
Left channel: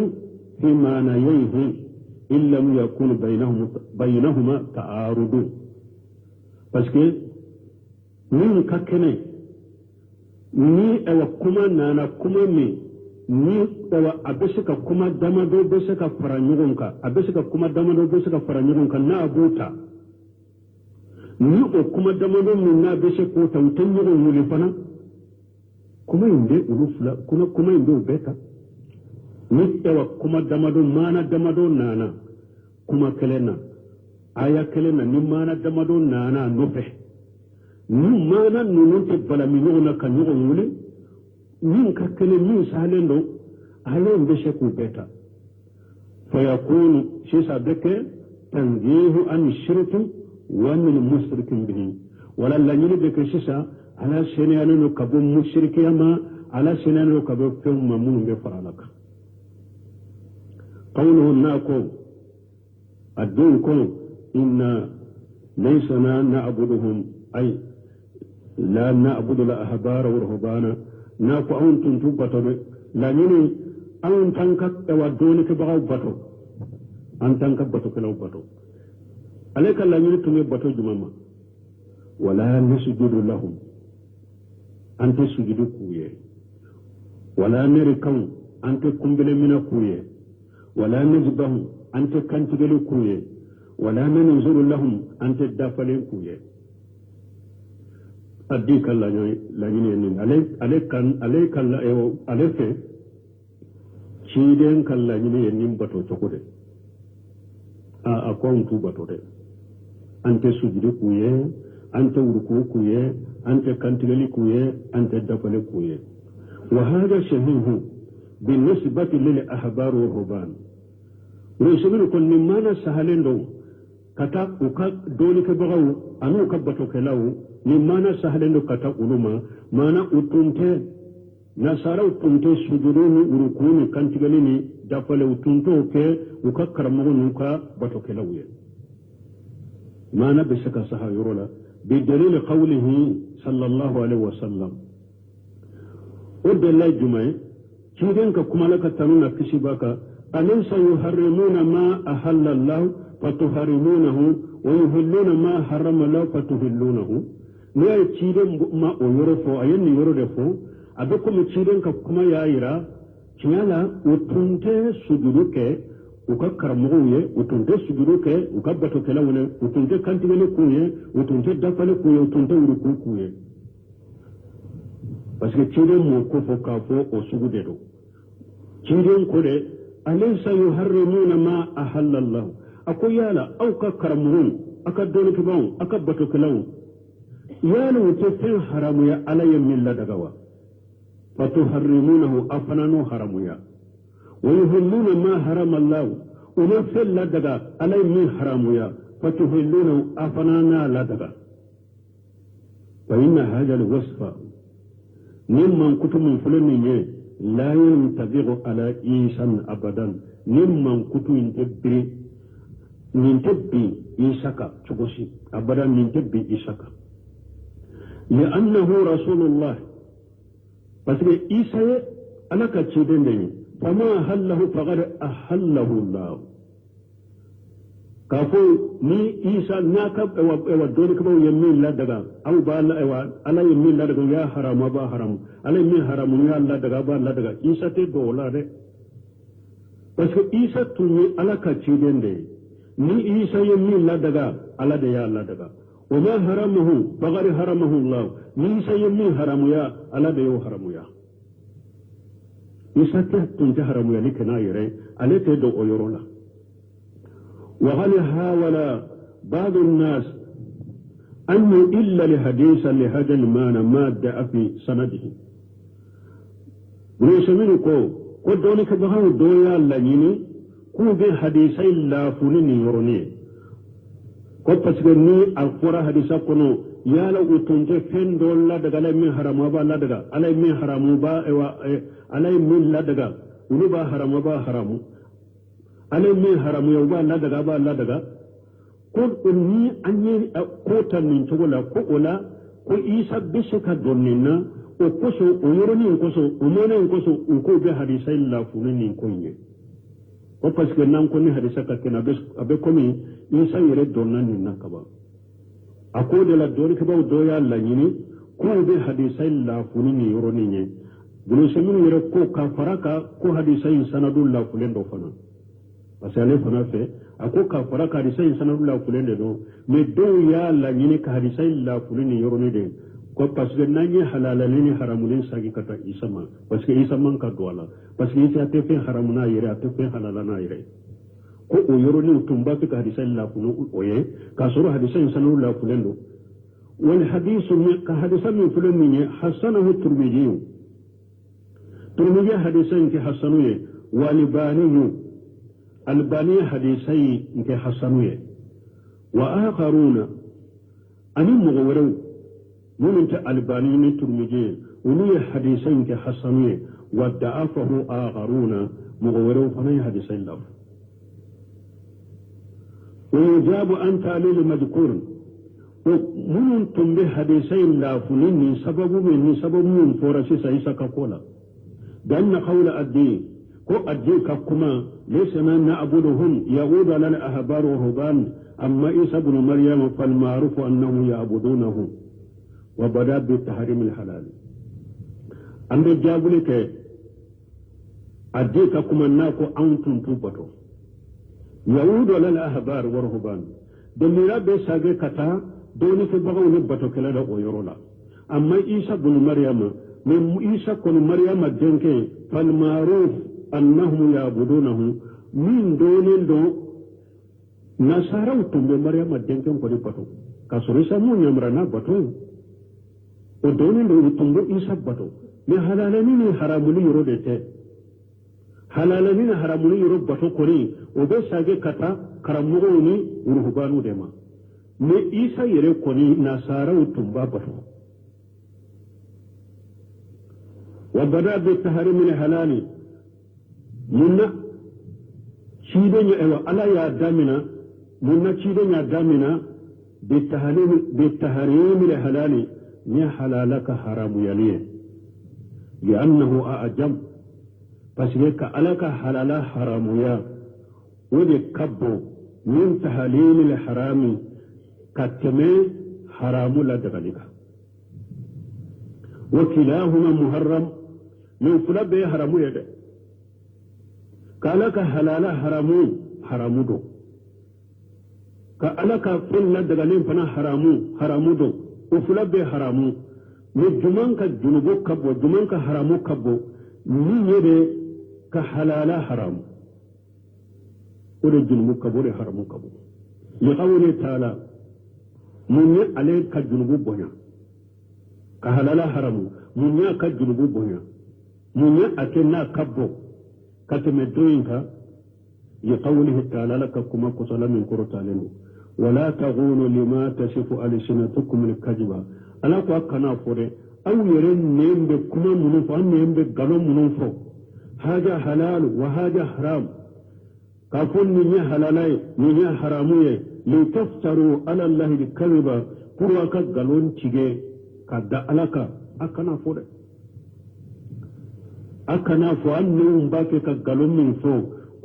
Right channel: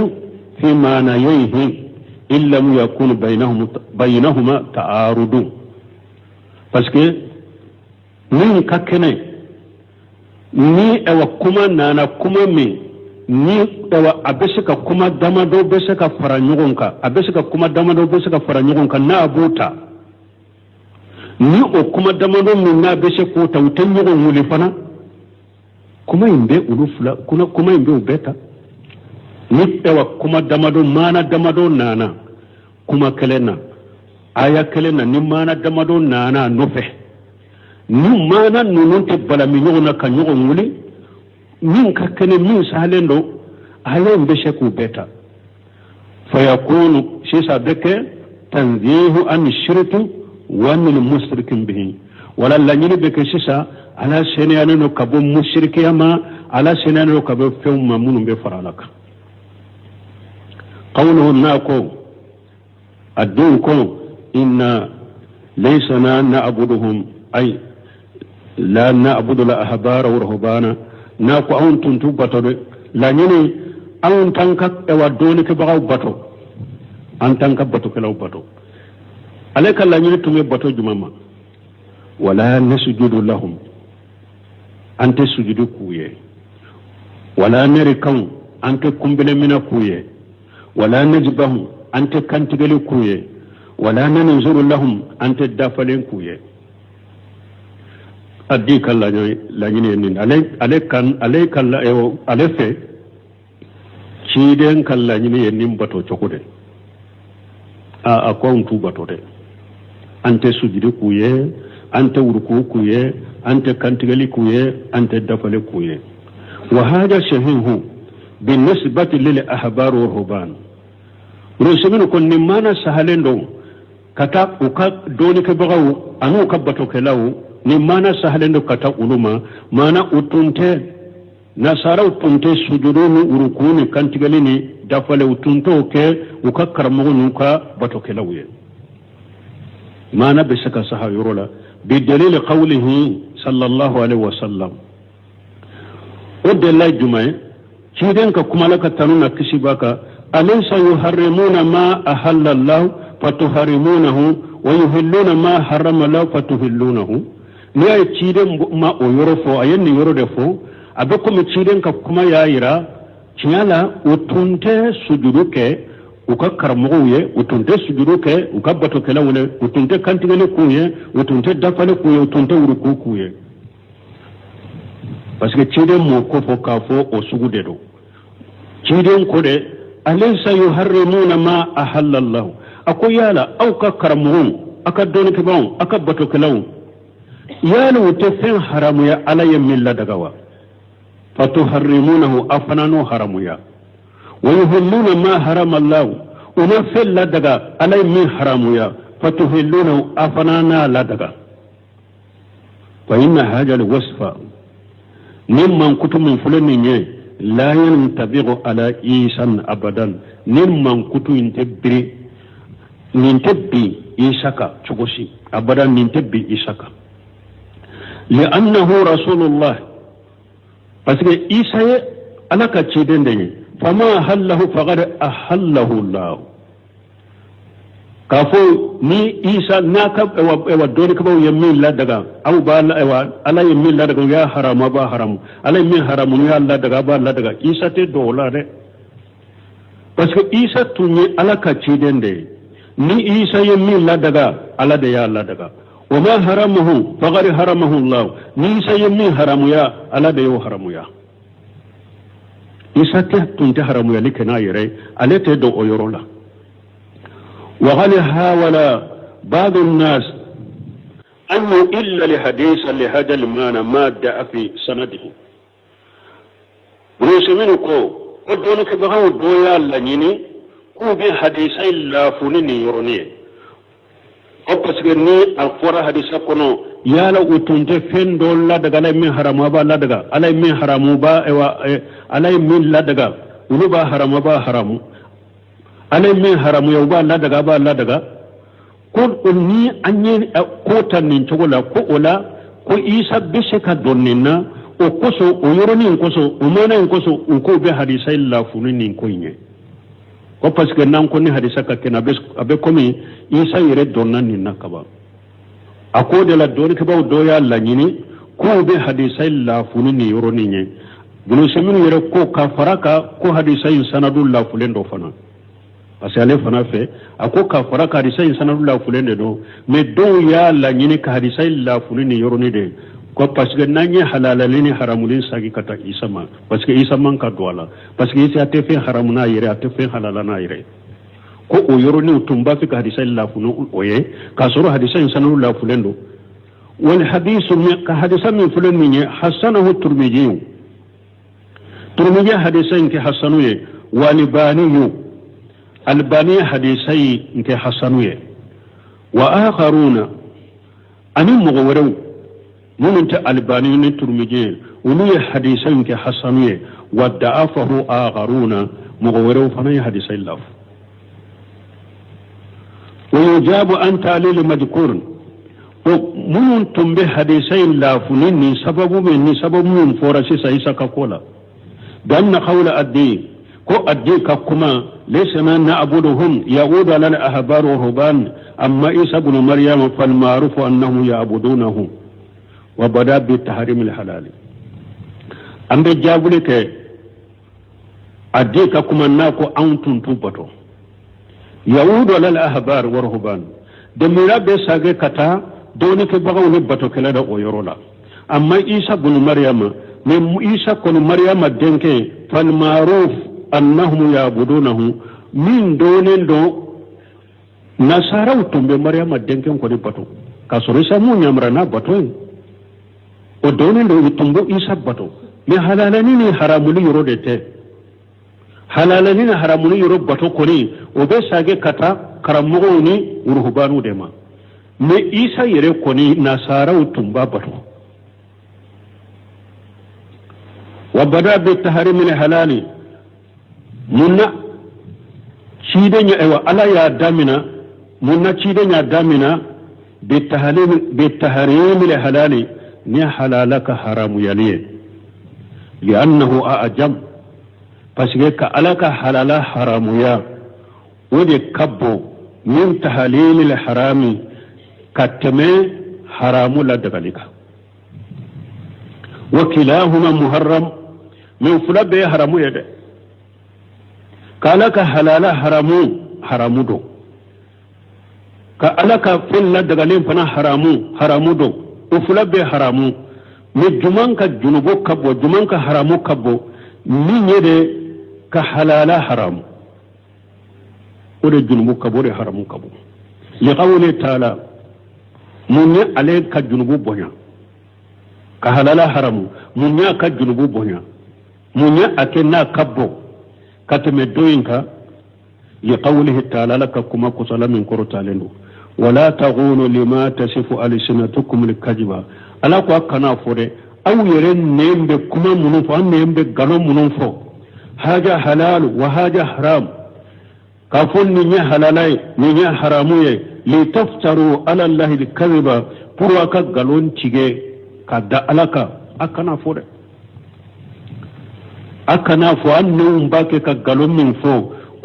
في معنييه إن لم يكن بينهما تعارض parce que ni kakene ni ewa kuma nana kuma mi ni ewa abesika kuma damado besika fara nyugonka abesika kuma damado besika fara nyugonka na abuta ni o kuma damado min na besiko ta utan nyugon muli fana kuma imbe ulufla kuma imbe ubeta ni ewa kuma damado mana damado nana kuma kelena aya kelena ni mana damado nana nofe ni mana nununte bala mi nyugona ka nyugon muli min kakene min salendo ayen besheku beta fayakunu sisa beke tanzihu an shirki wa min mushrikin bihi wala lanyini beke sisa ala seniyano kabo mushrikiyama ala seniyano kabo fewma munum be faralaka qawluhu nako adduko inna laysa na'buduhum ay la na'budu la ahbara wa ruhbana na ko awon tuntu bato de la nyini awon tanka e wadoni ke bagaw bato an tanka bato ke law bato alaka la nyini tume bato jumama wala nasjudu lahum ante sujudu kuye wala narikan ante kumbele mina kuye wala najbahu ante kantigele kuye wala nanzuru lahum ante dafalen kuye addi kala la nyini nin ale kala ale fe ciden kala nyini nin bato chokude a kontu bato de ante sujudi kuye ante urku kuye ante kantigali kuye ante dafale kuye wa hada shahihu بالنسبة للأحبار والرهبان رسمين كن نمانا سهلين كتا وكا دونك بغاو أنو كبتو كلاو نمانا سهلين كتا علوما مانا أتنتي نصارى أتنتي سجدون وركون كانتغاليني دفل أتنتو كي وكا كرمون وكا بتو كلاوي مانا بسكا سها يرولا بدليل قوله صلى الله عليه وسلم ود الله جمعي شيدن كمالك تنونا كسباك أليس يحرمون ما أحل الله فتحرمونه ويحلون ما حرم الله فتحلونه نيا شيدن ما يورفو أين يوردفو أبكم شيدن كما يايرا شيالا وتنتي سجدوك ukakarmoye utunte sujuduke ukabato kelawule utunte kantingale kuye utunte dafale kuye utunte uruku kuye parce que ciden mo ko fo ka fo o sugude do ciden ko de alaysa yuharrimuna ma ahalla Allah ako yala aw ka karmo aka don ke bon aka bato kelaw yala wote fen haramu ya alayya milla dagawa fatuharrimunahu afananu haramu ya ويهلون ما حرم الله ونفل لا دغا علي من حرام يا فتهلون افنانا لا دغا فإن هذا الوصف ممن كتب من فلان لا ينطبق على إيسان أبدا ممن كتب ينتبري ننتبي إيساكا تشوشي أبدا ننتبي إيساكا لأنه رسول الله بس إيسا أنا كتشيدين دي فما أحله فقد أحله الله كافو ني إيسا ناكب اوا دوني كبو يمين لا دغا او با لا اوا الا يمين لا دغا يا حرام با حرام الا يمين حرام يا لا دغا با لا دغا إيسا تي دولا دي parce que إيسا توني الا كاتشيدن دي ني إيسا يمين لا دغا الا دي يا لا دغا وما حرمه فقد حرمه الله ني إيسا يمين حرام يا الا دي حرام يا إساتي تنتهرم يلك نايري أليت دو أيرولا وغل هاولا بعض الناس أنه إلا لحديث لهذا المعنى ما دعا في سنده ونسمينكو ودونك بغاو دويا لنيني كو بي حديثي لا فنيني يروني وقسكني أفورا حديثا كنو yala utunte fendo la daga lay min haramu ba la daga alay min haramu ba ewa alay min la daga ulu ba haramu ba haramu alay min haramu ya ba la daga ba la daga ko ni anye ko tanin chogola ko ola ko isa biseka donnina o koso o yoroni koso o mana koso ko be hadisa illa funini ko nye ko parce que nan ko ni hadisa ka kena abe komi isa yere donnan ni nakaba akode la doni kabaw doya la nyini ko be hadisai la funini yoroni nye bunu seminu yere ko ka faraka ko hadisai sanadul la fulendo fana asale fana fe ako ka faraka hadisai sanadul la fulende do me do ya la nyini ka hadisai la funini yoroni de ko parce que nanye halalani haramulin sagi kata isama parce que isama ka doala parce que isa te fe haramuna yere ate fe halalana yere ko o yoroni utumba fi ka hadisa la funu oye ka soro hadisa insanu la fulendo wal hadithu ka hadisa min fulan min hasanahu turmiji hadisa nke hasanu ye walibani albani hadisa nke hasanu ye wa akharuna ani mugawru mun ta albani ne turmiji ulu ya hadisa nke hasanu ye wa da'afahu akharuna mugawru fana hadisa la ويجاب أن تعليل مذكور ومن تنبه حديثين لا فنيني سبب من فورسي سيسا كولا بأن قول الدين كو الدين كما ليس ما نعبدهم يعود لنا أحبار ورهبان أما عيسى بن مريم فالمعروف أنه يعبدونه وبدأ بالتحريم الحلال أما جاب لك الدين كما ناكو أنتم تنبتو يعود على الأحبار والرهبان دميرا بساقه كتا دونك بغاو نبتو كلا دا ويرولا amma isa bunu maryama min isa kono maryama denke fal ma'ruf annahum ya'budunahu min donen do nasara utumbe maryama denke ko de bato kasoro isa mu nyamra na bato o donen do utumbo isa bato mi halalani ni haramuli yoro de te halalani ni haramuli yoro bato koni o be sage kata karamugo ni ruhbanu de ma me isa yere koni nasara utumba bato وبدا بالتحريم الحلال منا شيدنيا ايوا الا يا دامنا منا شيدنيا دامنا بالتحريم الحلال ني حلالك حرام يلي لانه اعجم فسيك الك حلال حرام يا ودي كبو من تحليل الحرام كتمه حرام لا دغلك وكلاهما محرم من فلبه حرامو يده كالك حلالا حرامو دو كالك فل دغالين فنا حرامو دو وفلبه حرامو من جمانك جنوبو كبو جمانك حرامو كبو من يده كحلالا حرام ودي جنوبو كبو دي حرامو كبو لقوله تعالى من عليك جنوبو بونا كحلالا حرامو من يا جنوبو بونا munya akenna kabbo katame doyinka لقوله تعالى لك كما كسل من كرتالين ولا تغولوا لما تصف ألسنتكم الكذب ألا كنا فوري أو يرن نيم بكما منفو أن نيم بغنو منفو هذا حلال وهذا حرام كافون نيا حلالاي نيا حراموي لتفتروا على الله الكذب پرواكا غلون تيجي كدا ألاكا أكنا فوري أكنا فو أن نوم باكي كغلون من فو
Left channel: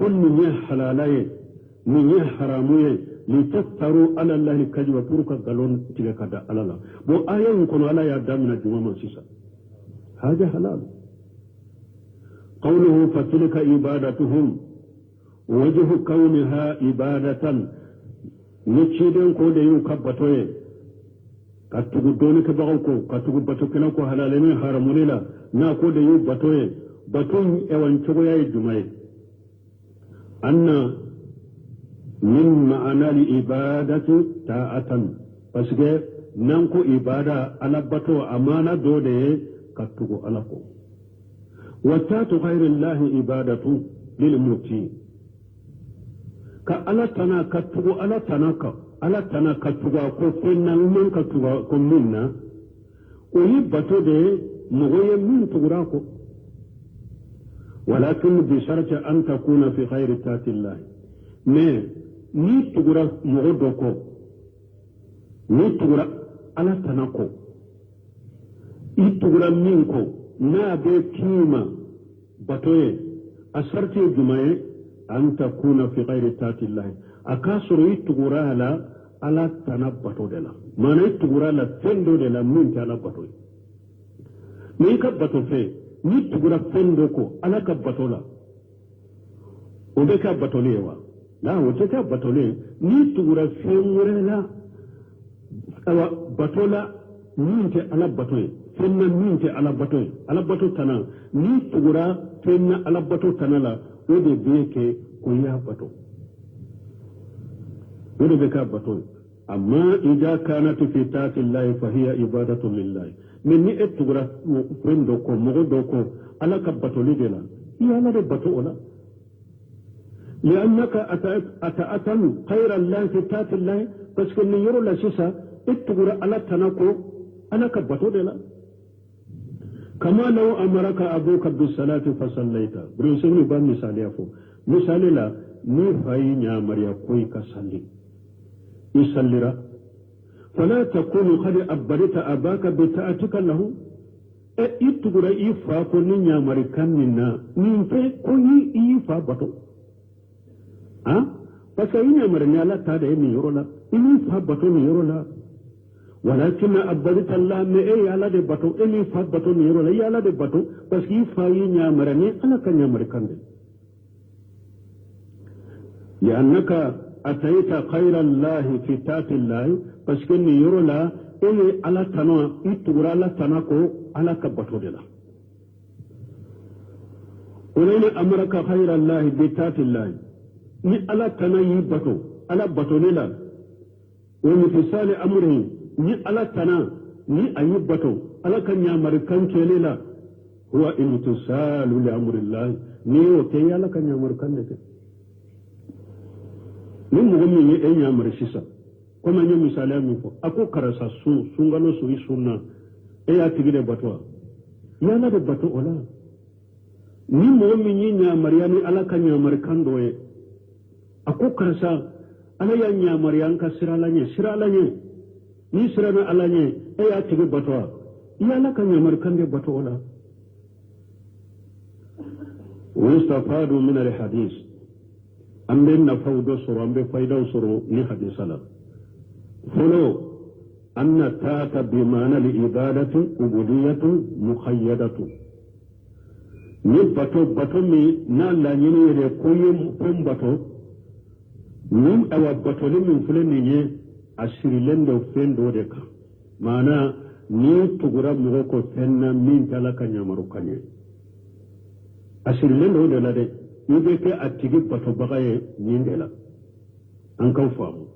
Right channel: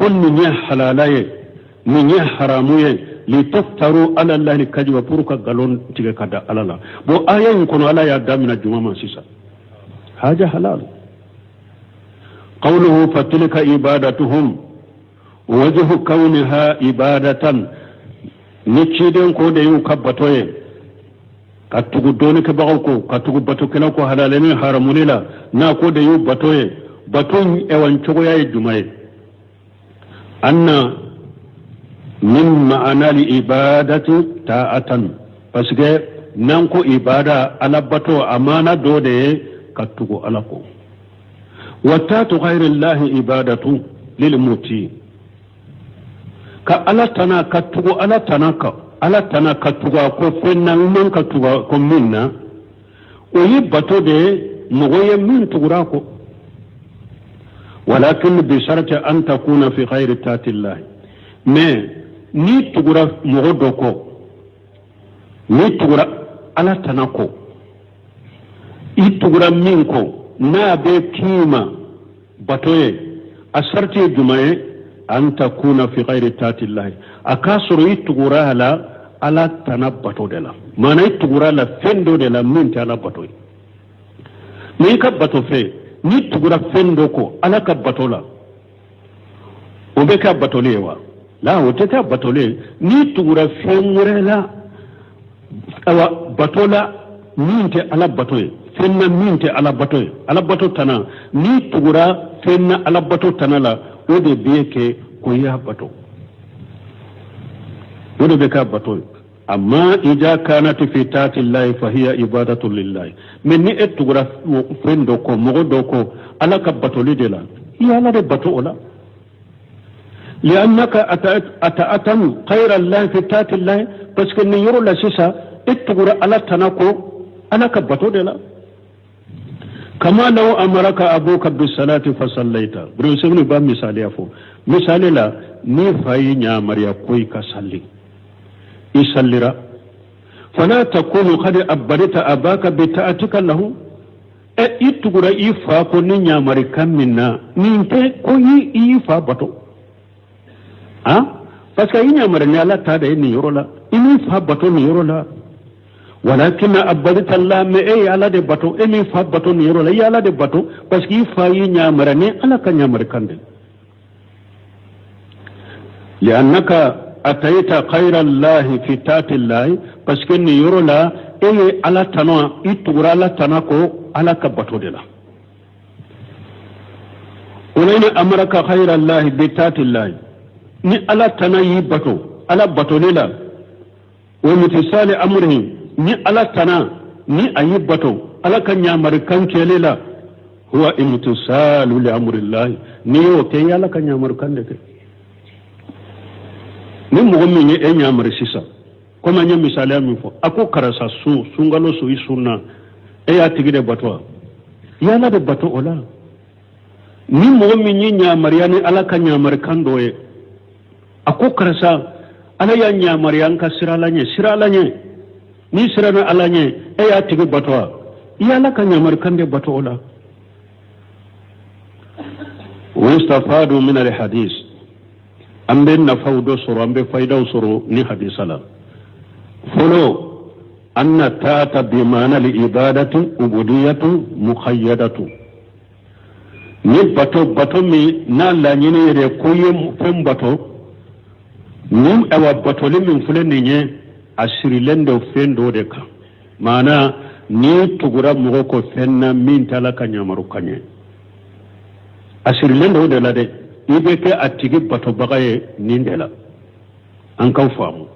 كن نيا حلالاي نيا حراموي لتفتروا على الله الكذب پرواكا غلون تيجي كدا ألالا بو آية يكون على يدامنا جماما سيسا هذا حلال قوله فتلك عبادتهم وجه كونها عبادة نتشيدن كود يوكبتوي كتغو دونك باوكو كتغو باتو كناكو حلالين حرمونيلا نا كود يوبتوي باتون ايوان چوغيا يجمعي أن من معنى العبادة تاعة بسكي نانكو عبادة على باتو أمانة دودي كتغو ألاكو وتات غير الله عبادة للموتي كألا تنا كتغو ألا تناكا ألا تنا كتغو أكو فينا من كتغو أكو منا ويبتو دي مغوية من تغراكو ولكن بشرط أن تكون في غير تات الله ما ني تغرا مغدوكو ني تغرا ألا تناكو إي تغرا منكو na be kima batoye asarti jumaye an takuna fi ghairi tatillahi akasuru itugura ala tanabbato de la mana itugura la fendo de la minti ala batoy ni ka bato fe ni tugura fendo ko ala ka batola o be ka batolewa la o te ka batole ni tugura femurela awa batola minti ala batoy fenna minte ala bato tana ni tugura fenna ala bato tana la ode bieke ko ya bato ode be ka bato amma ija kanat fi tati llahi fa hiya ibadatu lillahi men ni etugura fendo ko mogo do ko ala ka bato le de la ya la de bato ola لأنك أتأتم خير الله في تات الله بس كن يرو لا سيسا اتغرا على تناكو أنا كبتو de la كما لو أمرك أبوك بالصلاة فصليت برسولي با مثالي أفو مثالي لا نفاي نعمريا كوي كسالي يساليرا فلا تكون قد أبرت أباك بتأتك له إتغرا إفا كوني نعمري كمنا نينتي كوي إفا بطو parce que نعمري نعلا تادا إني يرولا إني إفا بطو نيرولا ولكن أبدت الله ما إيه على ده باتو إني فا باتو نيرو لا على ده باتو بس كي فاي نعمرني على كنعمر كند لأنك أتيت خير الله في تات الله بس كني يرولا إيه على تنوى إتورا على تناكو على كبتو دلا ولين أمرك خير الله بتات الله ni ala tana yi bato ala bato ne la wa mutisali amrihi ni ala tana ni ayi bato ala kan nyamar kan kele la huwa imtisalu li amrillah ni o ke yala kan nyamar kan de ni mo mi ni e nyamar sisa kuma nya misali amin fo ako karasa su sungalo su isunna e ya tigide bato yala de bato ola ni mo mi ni nyamar yani ala kan nyamar kan doye ako karasa ala ya nyamar yanka siralanye ni sirana alanye e ya tigide bato yala kan nyamar kan de bato ola واستفادوا من الحديث أم بين فود سر أم بفايدة سر ني حديث لا فلو أن تات بمعنى العبادة عبودية مقيدة ni bato mi na la nyine re koyem fem bato ni ewa bato le min fule ni nye asiri lendo fendo de ka mana ni tugura mugo ko fenna min tala kanyamaru kanye asiri lendo de la de ibe ke atigi bato bagaye nindela an kan famu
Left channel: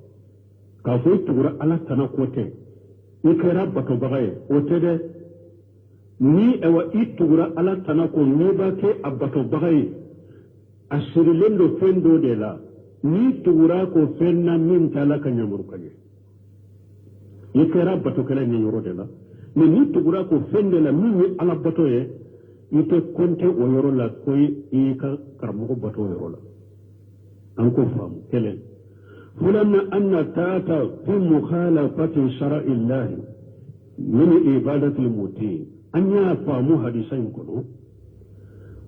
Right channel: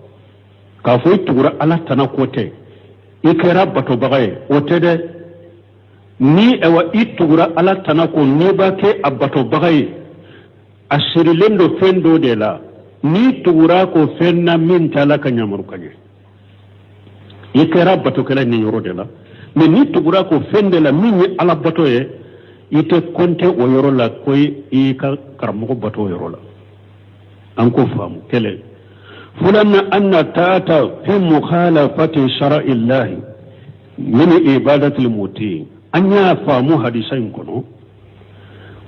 ka fo tugura ala tana kote ikera bato bagaye ote de ni ewa itugura ala tana ko ni ba ke abato bagaye asiri lendo fendo de la ni tugura ko fenna min tala kanyamaru kanye ikera bato kala ni yoro de la mais ni tugura ko fende la min ni ala bato ye ite konte o yoro la koy i ka karamugo bato yoro la an ko famu kele fulanna anna taata fi mukhalafati shar'i Allah min ibadati al-muti anya famu hadisain kono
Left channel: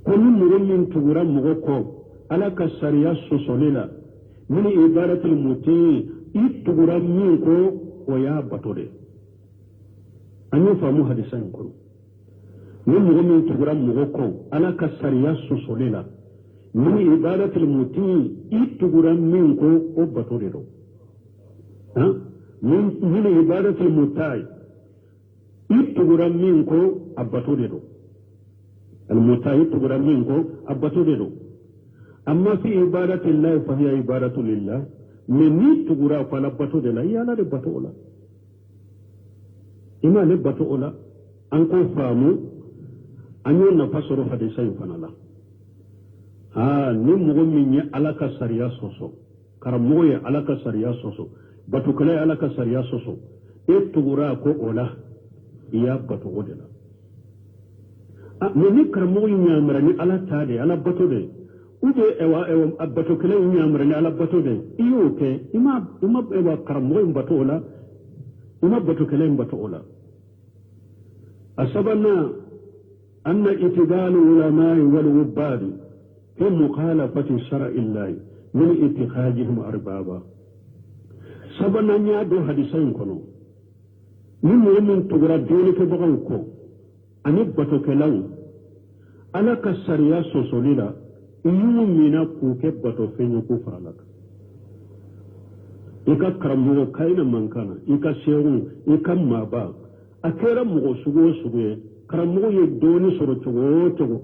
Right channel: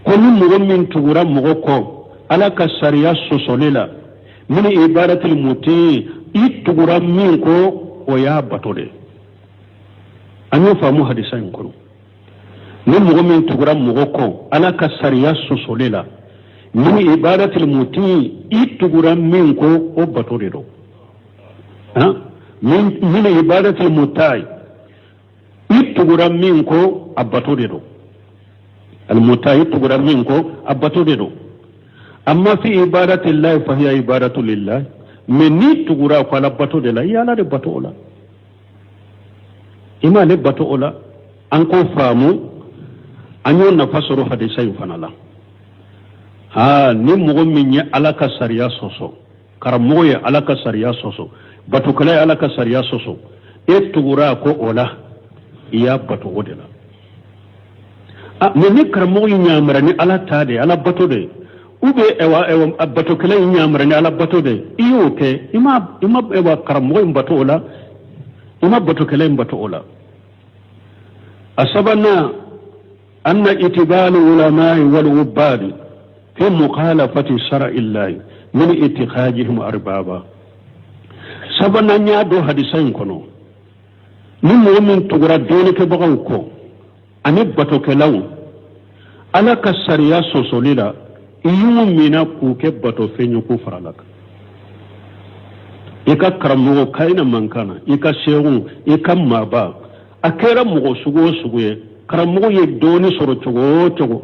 kono mugo min tugura mugo ko ala ka sariya sosolela min ibadati al-muti itugura min ko o ya bato de anya famu hadisain kono ni mugo min tugura mugo ko ala ka sariya sosolela min ibadatil muti itugura min ko o bato de do ha min ibadatil mutai itugura min ko abato de do al mutai itugura min ko abato de do amma fi ibadati llahi fa hiya ibadatu lillah min ni tugura ko ala bato de la yala de bato ola ima le bato ola an ko famu anyo na fasoro hadisai fanala ha ni mugo min ya alaka sariya soso karamogo ya alaka sariya soso batu kala ya alaka sariya soso e tugura ko ola iya batu odela ni karamogo nyamara ni ala tade ala batu de ube ewa batu kala nyamara ni ala batu de iyo ke ima ewa karamogo batu ola ima batu kala batu ola asabana أن اتبال العلماء والعباد في مخالفة شرع الله من اتخاذهم أربابا سبنا نيادو حديثين كنو من مؤمن تغرى دونك بغوكو أن بطوك لو ألا كسريا سوسوليلا يومنا كوك بطو فينيو كفر لك إكا كرمو كاين من كان إكا شيرو إكا مابا أكيرا مغو سغو karamogo ye doni soro cogo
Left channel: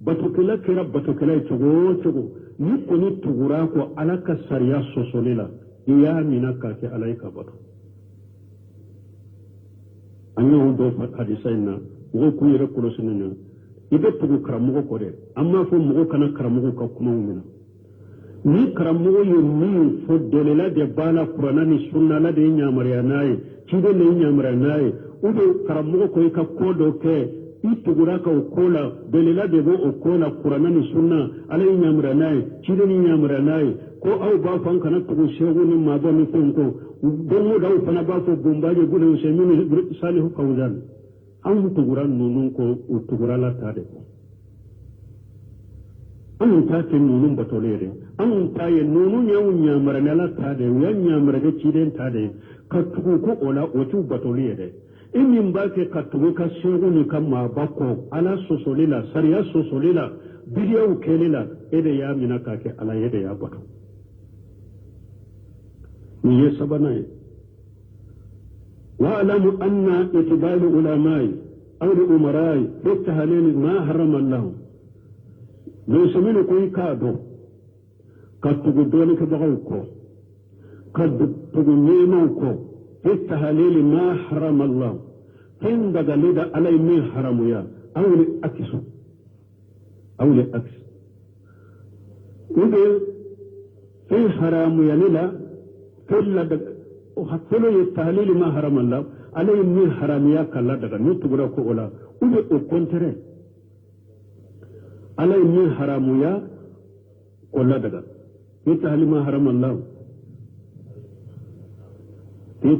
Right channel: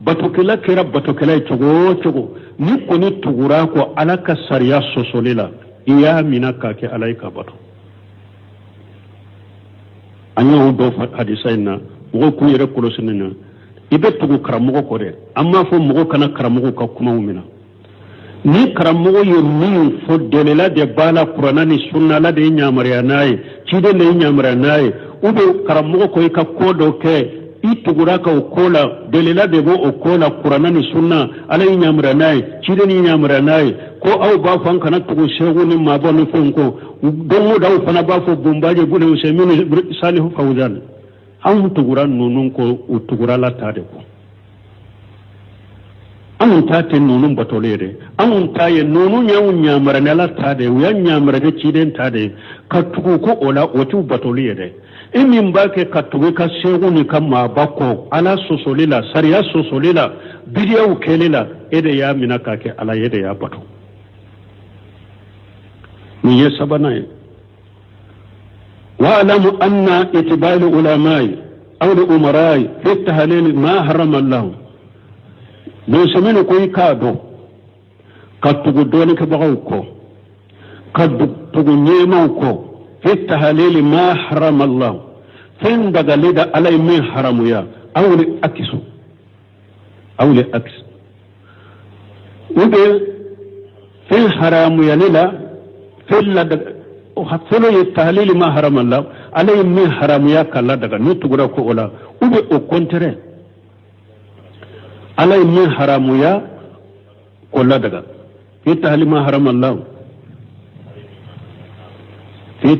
batokela kera batokela cogo ni koni tugura ko ala ka sariya sosolela iya mina ka ke alaika bato anyo do hadisa ina go ku yere kolosinna ibe tugu karamogo ko de amma fo mogo kana karamogo ka kuma umina ni karamogo ye min fo delela de bala qur'ana ni sunna la de nyamariya nayi cide ne nyamariya nayi ube karamogo ko ka kodo ke itugura ka okola delela de bo okola qur'ana ni sunna ala nyamra nay cide ni nyamra nay ko aw ba fan kana tugu shegu ni ma bo ni fonko dongo daw fana ba fo bombaje gune usemini salihu fawzan an tugura nunun ko utugura la tade ko an ta te nunun batolere an ta ye nunun nyawu nyamra ne la tade ya nyamra de cide tade ka tugu ko ola otu batolere emin ba ke katuwe ka segu ni kama bako ala sosolila sariya sosolila bidiya ukelela ede ya mina kake ala yede ya bato من يسبنا واعلم أن اتباع العلماء أو الأمراء في التهليل ما حرم الله لو سمينو كوي كادو قد تقدوني كبغوكو قد تقنيموكو في التهليل ما حرم الله فين دقلد علي من حرم يا أو لأكسو أو لأكس وبي في حرام يا للا في اللدق فلو التهليل ما حرم الله علي من حرام يا كلا دقا نتقرأكو أولا وبي أكونتري علي من حرام يا كلا دقا في التهليل ما حرم الله في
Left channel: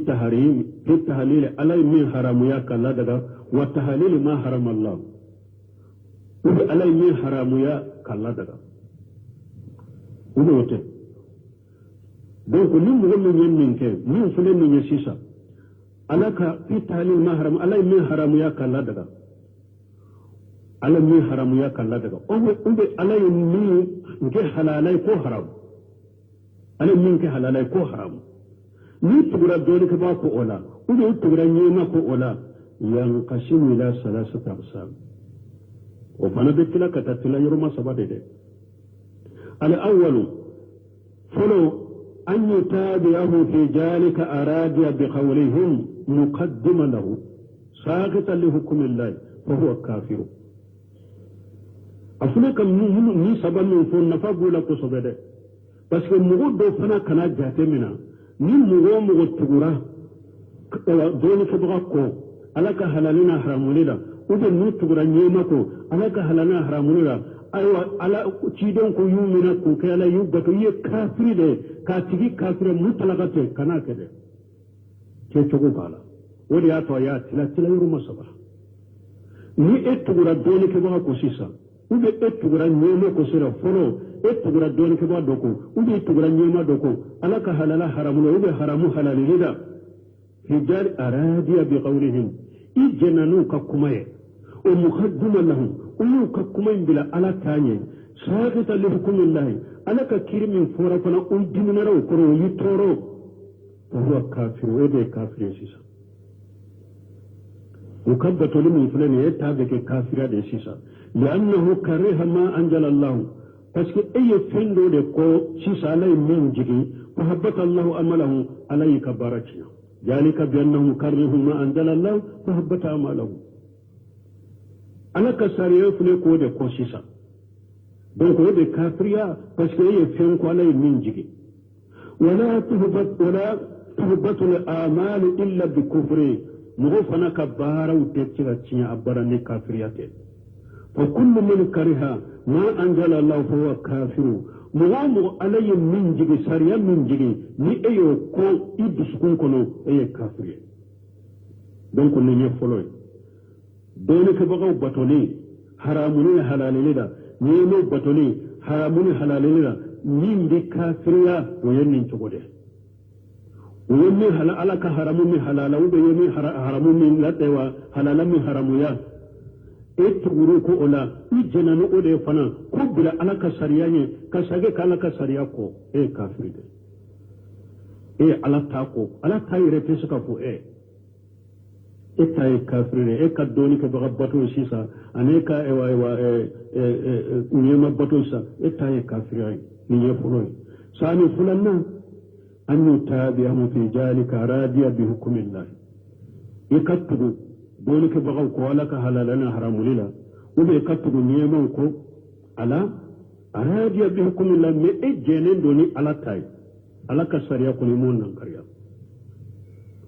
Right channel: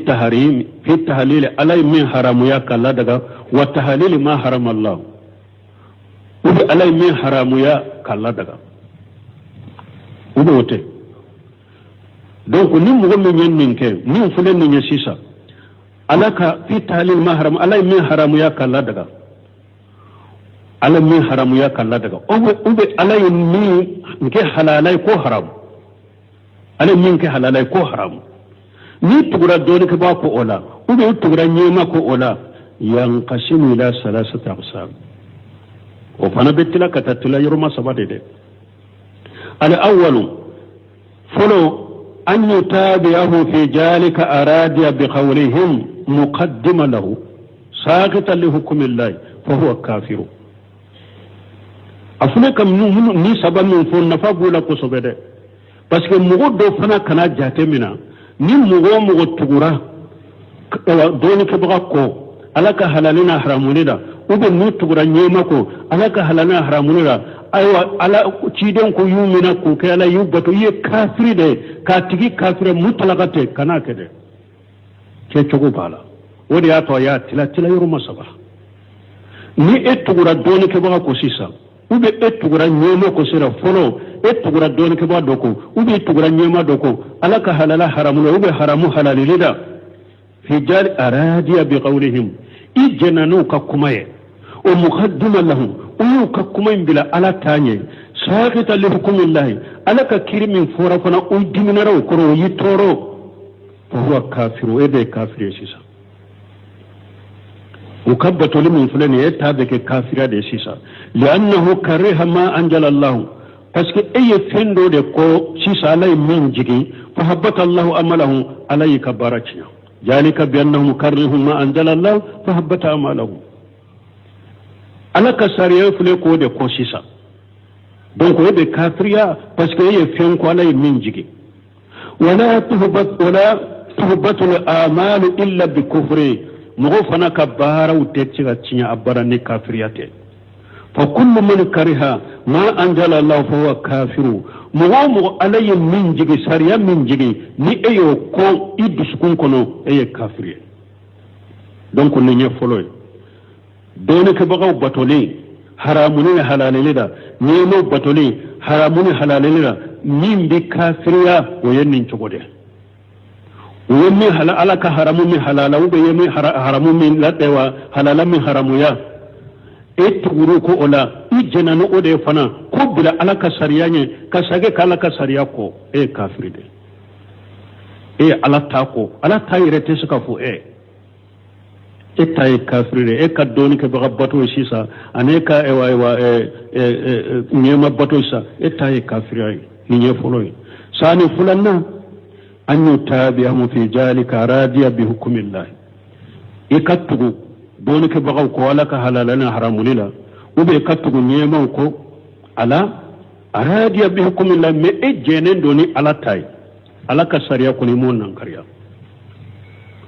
التهليل علي من حرام يا كلا دقا والتهليل ما حرم الله وبي علي من حرام يا كلا دقا وبي وتي donc ni mo min yen min ke ni fulen ni sisa alaka fi tahlil mahram alay min haram ya kala daga alay min haram ya kala daga ube alay min ke halalay ko haram alay min ke halalay ko haram ni tugura doni ke ba ko ola ube tugura nyema ko ola yanqasimu ila salasati aqsam o fana betila katatula yurma sabade de al awwalu folo أن يتابعه في ذلك أرادي بقولهم مقدما له ساقطا لحكم الله فهو كافر أفنك ني سبب من فون نفابو لكو سبدا بس كمغو دو فنا كنا جاتمنا ني مغو تغورا دوني كبغاكو ألك حلالنا حراموني ube mu tugura nyema ko alaka halana haramunira aywa ala ciden ko yumina ko kala yubato ye kafiri de ka tigi kafire mutlaqate kana kede ke chogo bala wodi ya to ya tila yoro masaba ni etugura doni ke ba ko sisa ube etugura nyema ko sira folo etugura doni ke ba doko ube etugura nyema doko alaka halala haramunira ube haramu halalilida fi jar aradiya bi qawlihim ijenanu ka kumaye ومقدما لهم ويككم بلا على تاني ساقطا لحكم الله على كريم فورفنا ودمنا رو كرو يتورو فهو كافر ويبي كافر يسيسا وكبت لمن فلان يتابك كافر يسيسا لأنه كره ما أنجل الله باسكو أي فندو دي كو سيسا علي من جيكي فحبت الله أمله علي كبارتنا ذلك بأنهم كره ما أنجل الله فحبت أمله alaka sariya fule ko de ko sisa donc o be kafriya parce que ye fen ko lay min jigi wala tuhbat al amal illa bi kufri mo fana ka bara u te ci ga cinya abara ne kafriyate fa kullu man kariha ma anjala allah fa huwa kafiru mo alay min jigi sariya min jigi ni eyo ko idus kun kono eye kafriye donc ne nye foloy doni ke bagaw batoli haramuni halalili da nemo batoli haramuni halalili da min bi kafiriya o yennin cogode wonni halala ka haramu min halala ube yemi haramu min ladewa halala min haramu ya etuguru ko ola ijena no ode fana ko bila alaka sariyanye ka sage kala ka sariya ko e kafiride e alata ko alata irete suka fu etaye kafirire e ka doni ke baga bato sisa aneka ewa nyema bato sa etaye kafirire ni nye foloi sani fulanna an yutabi'ahu fi jalika radiya bi hukmillah ikatugo doni ke baga ko wala ka halalana haramulila ube ikatugo nyema ko ala radiya bi hukmillah me ejene doni ala tay ala ka sariya ko ni mon nan kariya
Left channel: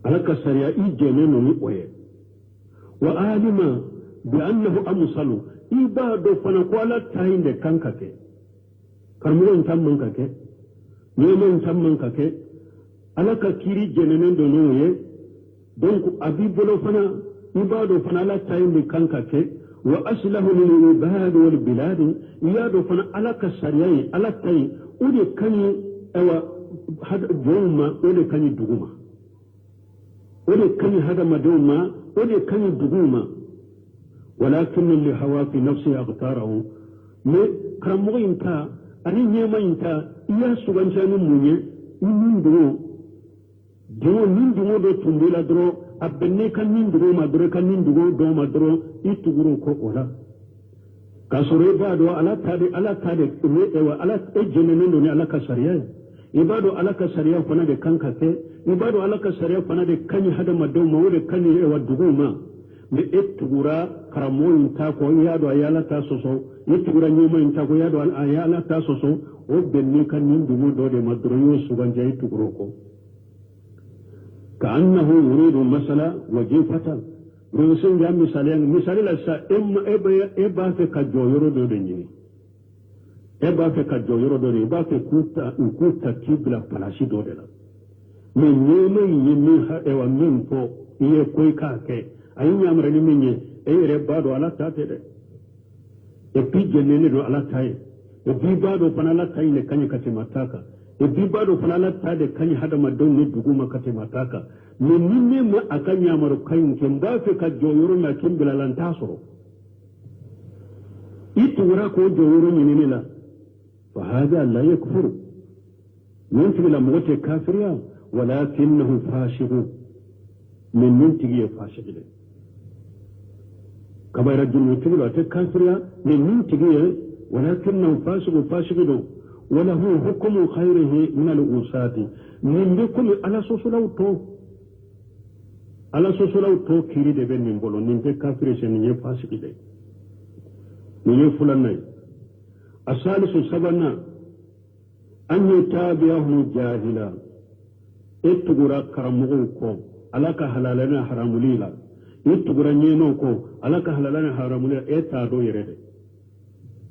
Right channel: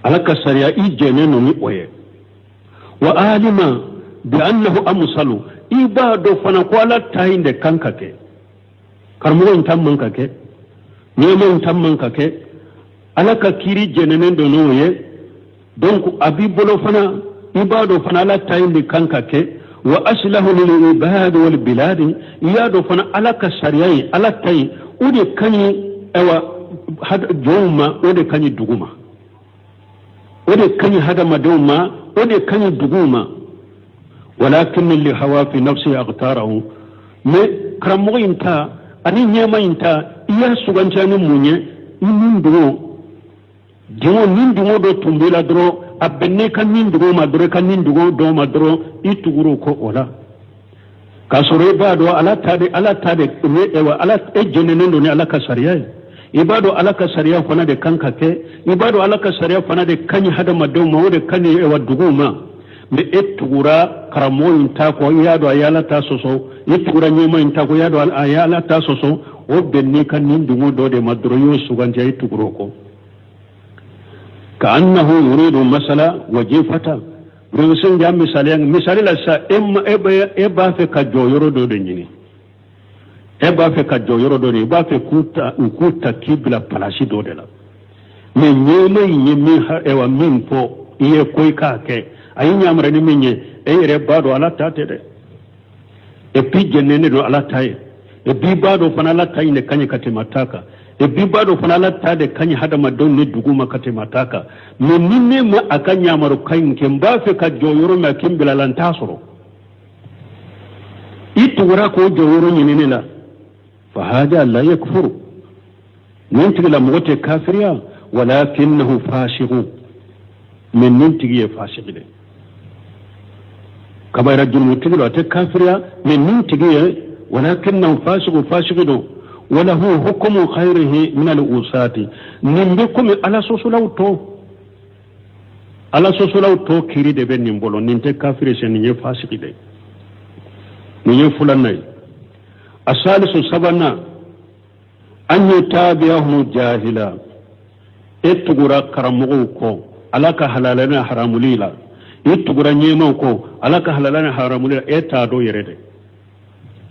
ala ka sariya ijene no ni oye wa alima bi annahu amsalu ibado fana ko ala tayinde kankake karmo en tamman kake nyemo en tamman kake ala ka kiri jenenen do noye donc abi bolo fana ibado fana ala tayinde kankake wa aslahu lil ibad wal bilad iyado fana ala ka sariyai ala tay udi kani ewa had joma udi kani duguma ودي كان هذا مدوما ودي كان دغوما ولكن اللي هوا في نفسه اغتاره ما كرمو انت اني نيما انت يا سوغانجاني مونيه من دو dingo nin dingo do tumbila dro abenne kan nin dingo ma dro kan nin dingo do ma dro ituguro ko ola kasore ba do ala tade ne ewa ala ejene ndo ni ala kasariya ibado ala kasariya fana de kanka ke ibado ala kasariya fana de kanyi hada madaw ma wode kanyi ewa duguma me etugura karamoyin ta ko yado ayala ta soso etugura nyoma inta ko yado ayala ta soso o benni kan nin dingo do de madro yo suganja ituguro ko كأنه يريد مسألة وجيفة برسول جام مثال لسا إبا في كجو يردو دنيني إبا في كجو يردو دنيني إبا في كوتا كيبلا بلاشي دو دلا من يمي يميها إيوا من فو إيه كوي كاكي أي نعمرني مني إيه ربادو على تاتي دي إبي جنيني دو على تاي إبي بادو فنالا تاي نكاني كتماتاكا bibado fanala tade kanyi hada madon ne duguma kate mataka menine ma akanya maru kain kemba fe ka joyoro ma kimbila lan tasoro itu wara ko joyoro nyine la fa hada la yakfuru ninti la mote kafiriya walakinahu fashiqu min ninti ye fashiqide kama rajul mutilo ate kafiriya min ninti ye walakinahu fashiqu وله حكم خيره من الأوسات نمبكم على سوسلاو تو كيري دي بن نمبولو ننتي كافر سنيني فاسق دي نيني فلاني الثالث سبنا أن يتابعهم جاهلا اتغرا كرموكو على كحلالنا حرام ليلا اتغرا نيموكو على كحلالنا حرام ليلا اتادو يريد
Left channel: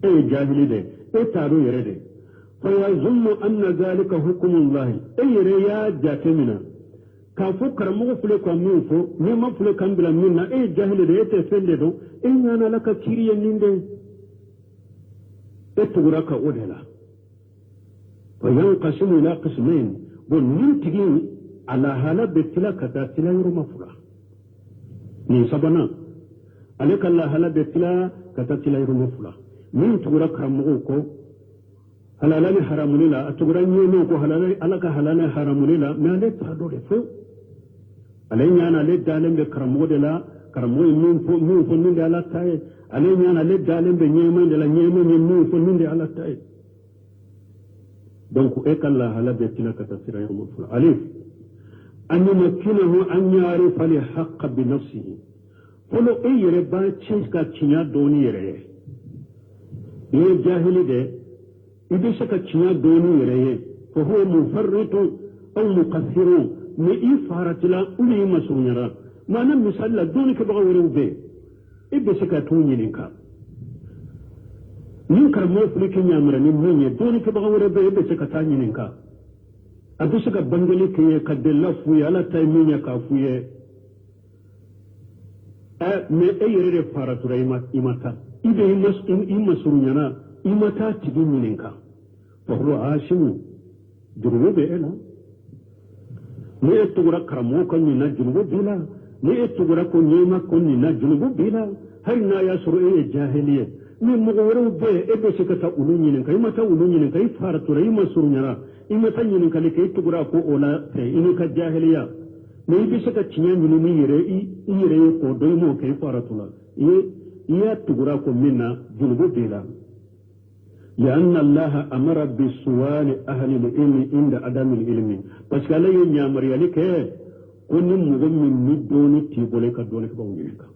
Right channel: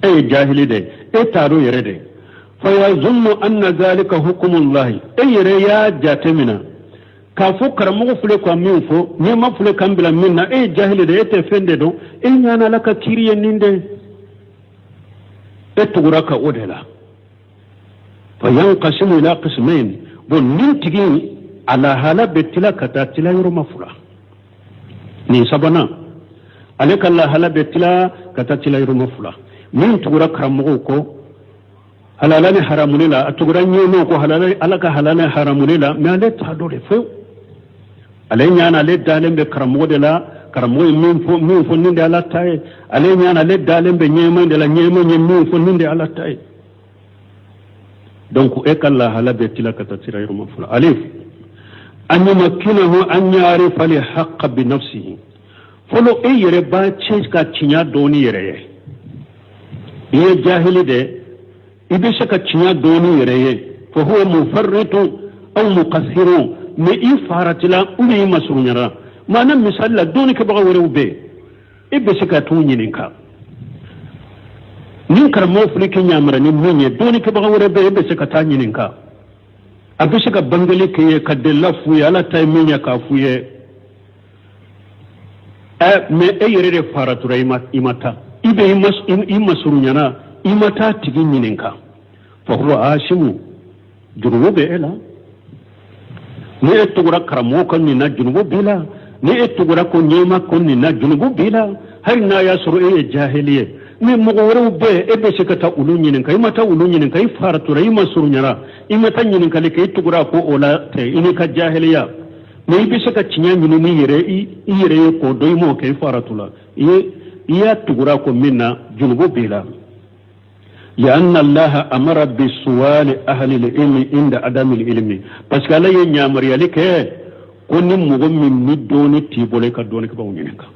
اي جاهلي دي اتادو يريد فيظن أن ذلك حكم الله أي ريا جاتمنا كافو كرمو فلك ومنفو نيما فلك أمبلا منا أي جاهل دي يتفنددو إن أنا لك كيري نندي اتغرك أودلا فينقسم إلى قسمين بل ننتقي على هلا بتلا كتاتلا يرو مفلا نيسابنا عليك الله هلا بتلا كتاتلا يرو مفلا من تغرك كرموكو halalani haramunila atuguran yono ko halalani alaka halalani haramunila me ale ta dole fe ale nyana le dalembe karamode la karamoy min fo ninde ala tay ale nyana le dalembe nyema de la nyema min fo ninde ala tay donc e kala halabe tilaka tatira yurma fula alif an yumakkinahu an ya'rifa li haqq bi nafsihi folo e yere ba cheka tinya doni yere ye jahili de ibishaka tinya doni yere fa huwa mufarritu aw muqassiru me ifaratila uli masunyara mana misalla doni ke baga wore ube ibishaka tunyininka nin karamo fulike nyamara ni munye doni ke baga wore be ibishaka tanyininka abishaka bangale ke kadella fuya ala tay minya ka fuye me eyere faratura imata ibe imasurunyana imata tiginyininka fa huwa ashimu junubu be ela ni etugura karamo kon ni na junubu bila ni etugura ko nyema kon ni na junubu bila har na yasuru e jahiliye ni mugore be ebe shikata ulunyininka imata ulunyininka ifaratura imasurunyana imata nyininka le ke etugura ko ola te inika jahiliya ni bishaka cinya ni yere ko doy mo ke faratula iya tugura ko minna junubu bila ya anna allah amara bisuwal ahli al-ilm inda adam al-ilm parce la ye nyamar ya like ko ni mugo min ni doni tibole ka doni ka bawuninka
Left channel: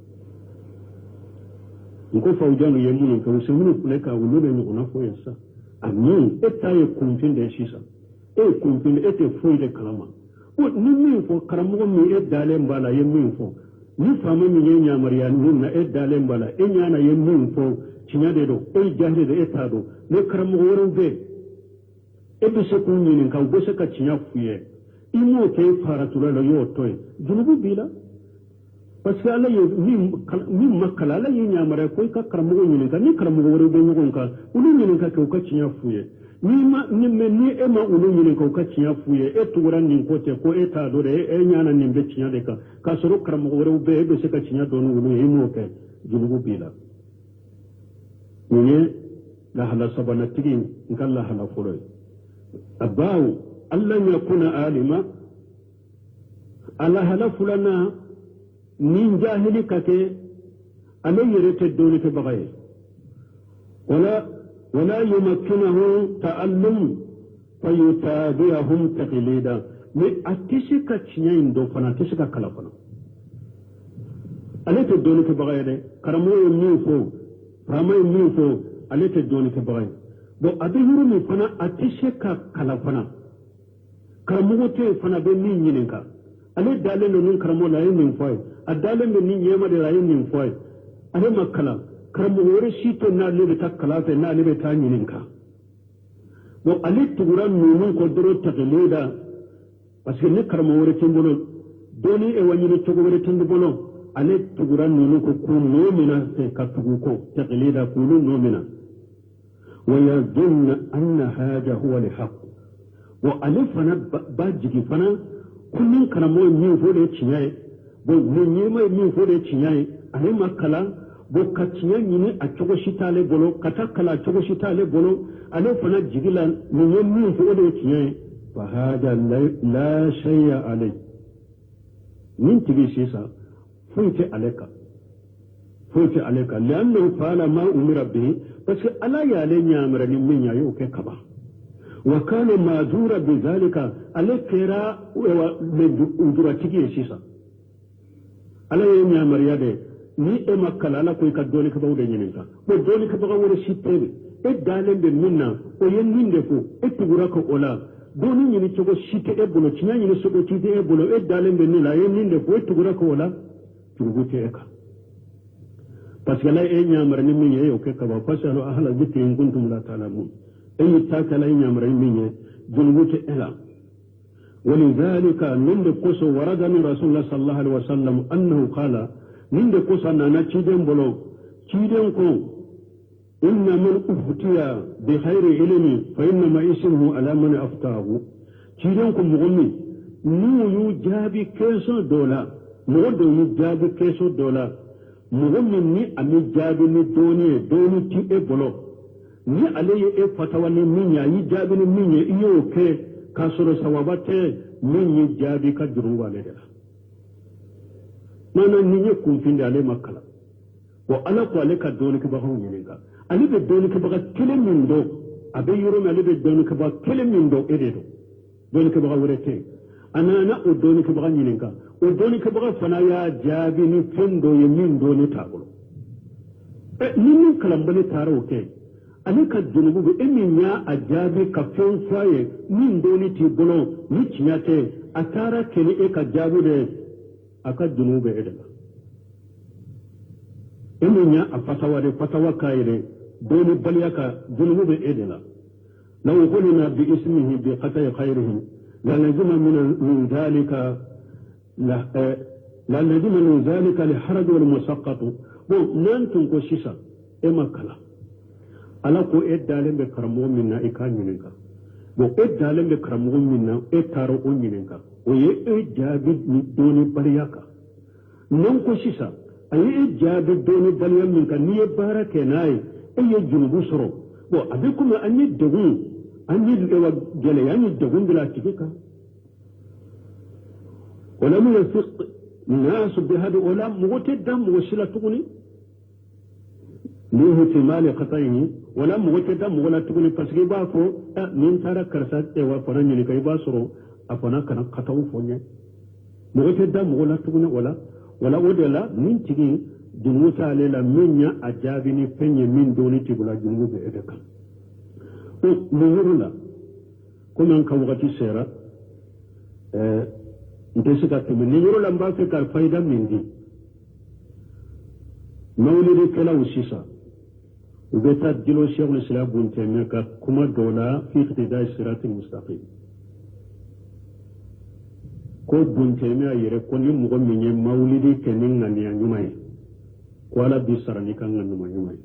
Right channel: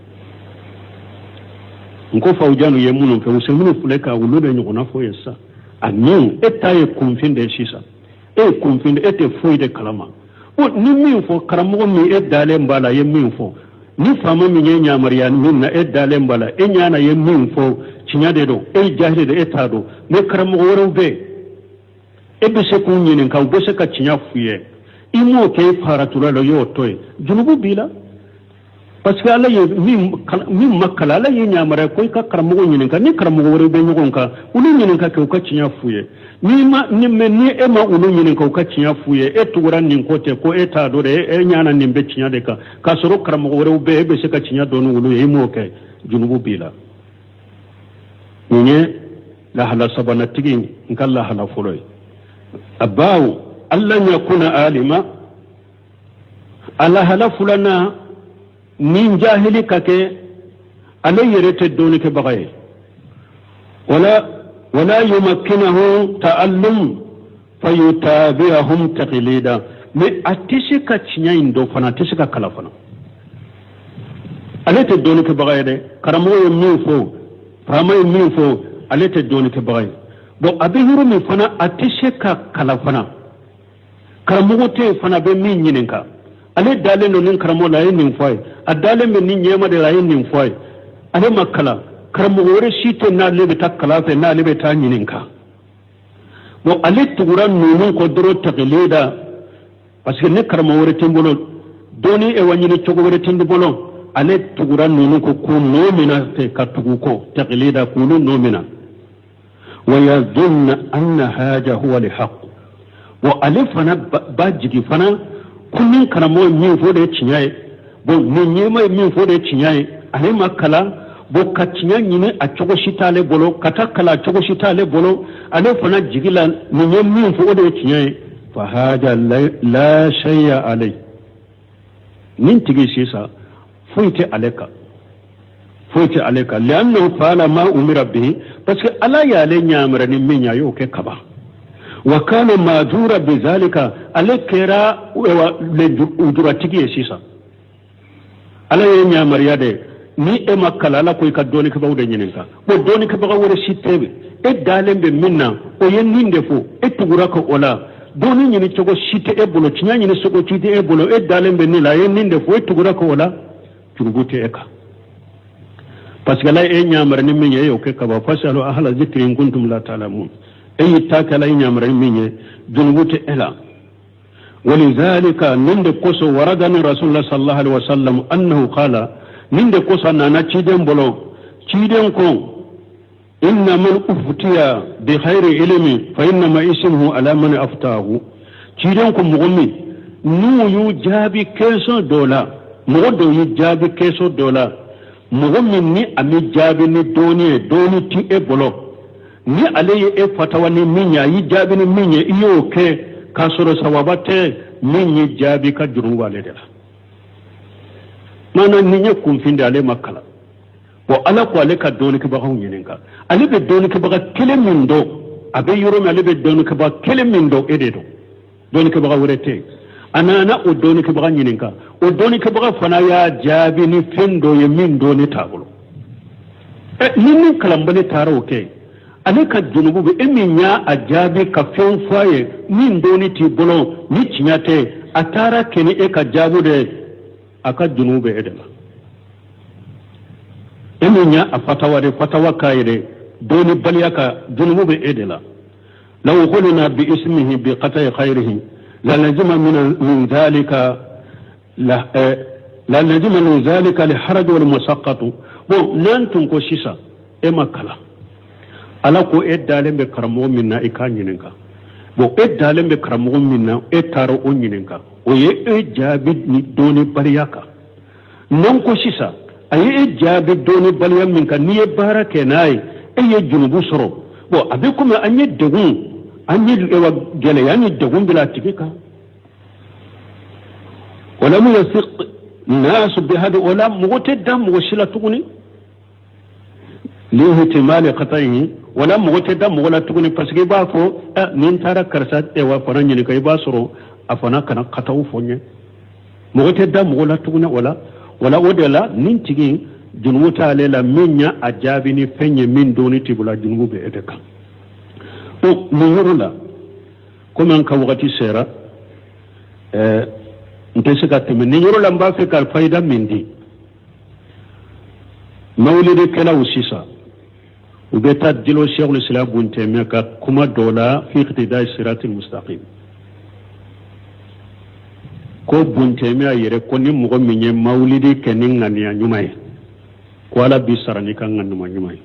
nko fawjanu ye munu ke usemunu fuleka wulude nyona fo yesa amin etaye kumfinde shisa kumfinde ete foide kalama o ni min fo karamo mi e dale mbala ye min fo ni fama mi nyanya mariyan min na e dale mbala e nyana ye min fo cinyade do e jahide de etado me karamo woro be e be se kun nyinin ka be se ka cinya fuye imo ke faratula lo yo toy junubu bila parce que ala ye min makala ala ye nyamara ko ka karamo nyinin ka ni karamo woro be nyogon ka ulu nyinin ka ka cinya fuye ni ema ulu nyinin ka cinya fuye etugura nin kote ko eta do de e nyana nin be cinya de ka soro karamo woro be se ka cinya do no ulu e mo ke junubu bila nye la hala sabana tigi nkalla hala fuloy abaw alla yakuna alima ala hala fulana min jahili kake alay yerete doni ke bagaye wala yumakkinahu ta'allum fayutabi'ahum taqlida me atishika chinyain do fana atishika kala fana alete doni ke bagaye de karamo min fo fama min fo alete doni ke bagaye bo abihuru min fana atishika kala fana karamo te fana be min nyininka ale dalen no nin karamo la yin foy adalen be nin yema de la yin foy ale makala karamo wore shite na lebe takala fe na lebe ta nyininka bo ale tuguran nunun ko doro taqlida parce que ne karamo wore timbolo doni e wanyini chogo wore timbolo ale tuguran nunun ko ku nomina fe katugu ko taqlida kunu nomina wa yadhunna anna haja huwa alhaq wa alifana bajigi fana kunnin karamo min fo da cinyaye bo min yema min fo da cinyaye ale makala bo ka cinya nyine a chogo shitale bolo kata kala chogo shitale bolo ale fana jigila min yem min fo da cinyaye fa hada la shay'a alai min tigi sisa fuite aleka lianna fala ma umira bihi parce que ala ya le nyamra ni min yayo ke kaba wa kana majura bizalika alakira le ujuratigi sisa ala ya nyamariya de ni e makala la ko ka doni ka bawde nyininka bo doni ka baga wore shitebe e dalembe minna o yen ninde fo e tugura ko ola doni nyini togo shite e bolo tinya nyini sogo tide e bolo e dalembe ni la yen ninde fo e tugura ko ola turgute eka parce que la e nyamar ni min yeyo ke ka ba fasalu ahla zikri in kuntum la ta'lamun أي تاكلا ينامر مني جنبوت إلا ولذلك نند قصو وردني رسول الله صلى الله عليه وسلم أنه قال نند قصو أننا تشيدن بلو تشيدن كون إن من أفتيا بخير علمي فإنما اسمه على من أفتاه تشيدن كون مغمي نو يجابي كيسو دولا مغدو يجابي كيسو دولا مغمي ني أمي جابي ني دوني تي بلو ni alaye e fatawa ni minya yi jabi ni minya iyo ke kasoro sawabate minyi jabi ka juru wale de la mana ninye kumfinde ale makala bo ala ko ale ka doni ke ba hon yininka ale be doni ke ba kele mindo abe yoro me ale be doni ke ba kele mindo ededo doni ke ba wurete anana o doni ke ba yininka o doni ke ba fana ya jabi ni fendo ye mindo ni tabulo nini kalambale taro ke ale ka junubu be eminya ajabi ka fen faye min doni ti bolo ni cinyate atara keni e ka jabu de aka junube edema eminya fatawa kayre doni baliyaka junubu be edela law qulna bi ismihi bi qat'i khayrihi la najma min dhalika la najma min dhalika li haraj wal musaqqat bo lantun ko sisa e makala ala ko e dalembe karamo minna e ka nyininka bo e dalembe karamo minna e taro o nyininka o ye e jabi ni doni baliyaka non ko sisa aye e jabi doni baliya minka ni e barake nay e ye junubu soro bo abe kuma anye degun anye ewa gele yani degun bila tigika wala mu yasiq nas bi hada wala mutadam washila tuguni li ihtimali qat'ihi wala mutadam wala tuguni parce que ba fo nin tara karsa e wa faran ni kai ba soro afana kana qata'u fonye mutadam wala tuguni wala odela nin tigi junwuta lela minya ajabi ni fenye min doni tibula junwu be edeka o ni yorula comme an ka wakati sera ntese ka teme ni yorula mba fe ka faida mindi mawlidi kala usisa ubeta dilo Cheikh al-Islam Ibn Taymiyyah ka kuma dola fi iqtidai siratil mustaqim ko Ibn Taymiyyah yere ko ni mugo minye mawlidi kenin ngania nyumay ko ala bi sarani kan ngannuma nyumay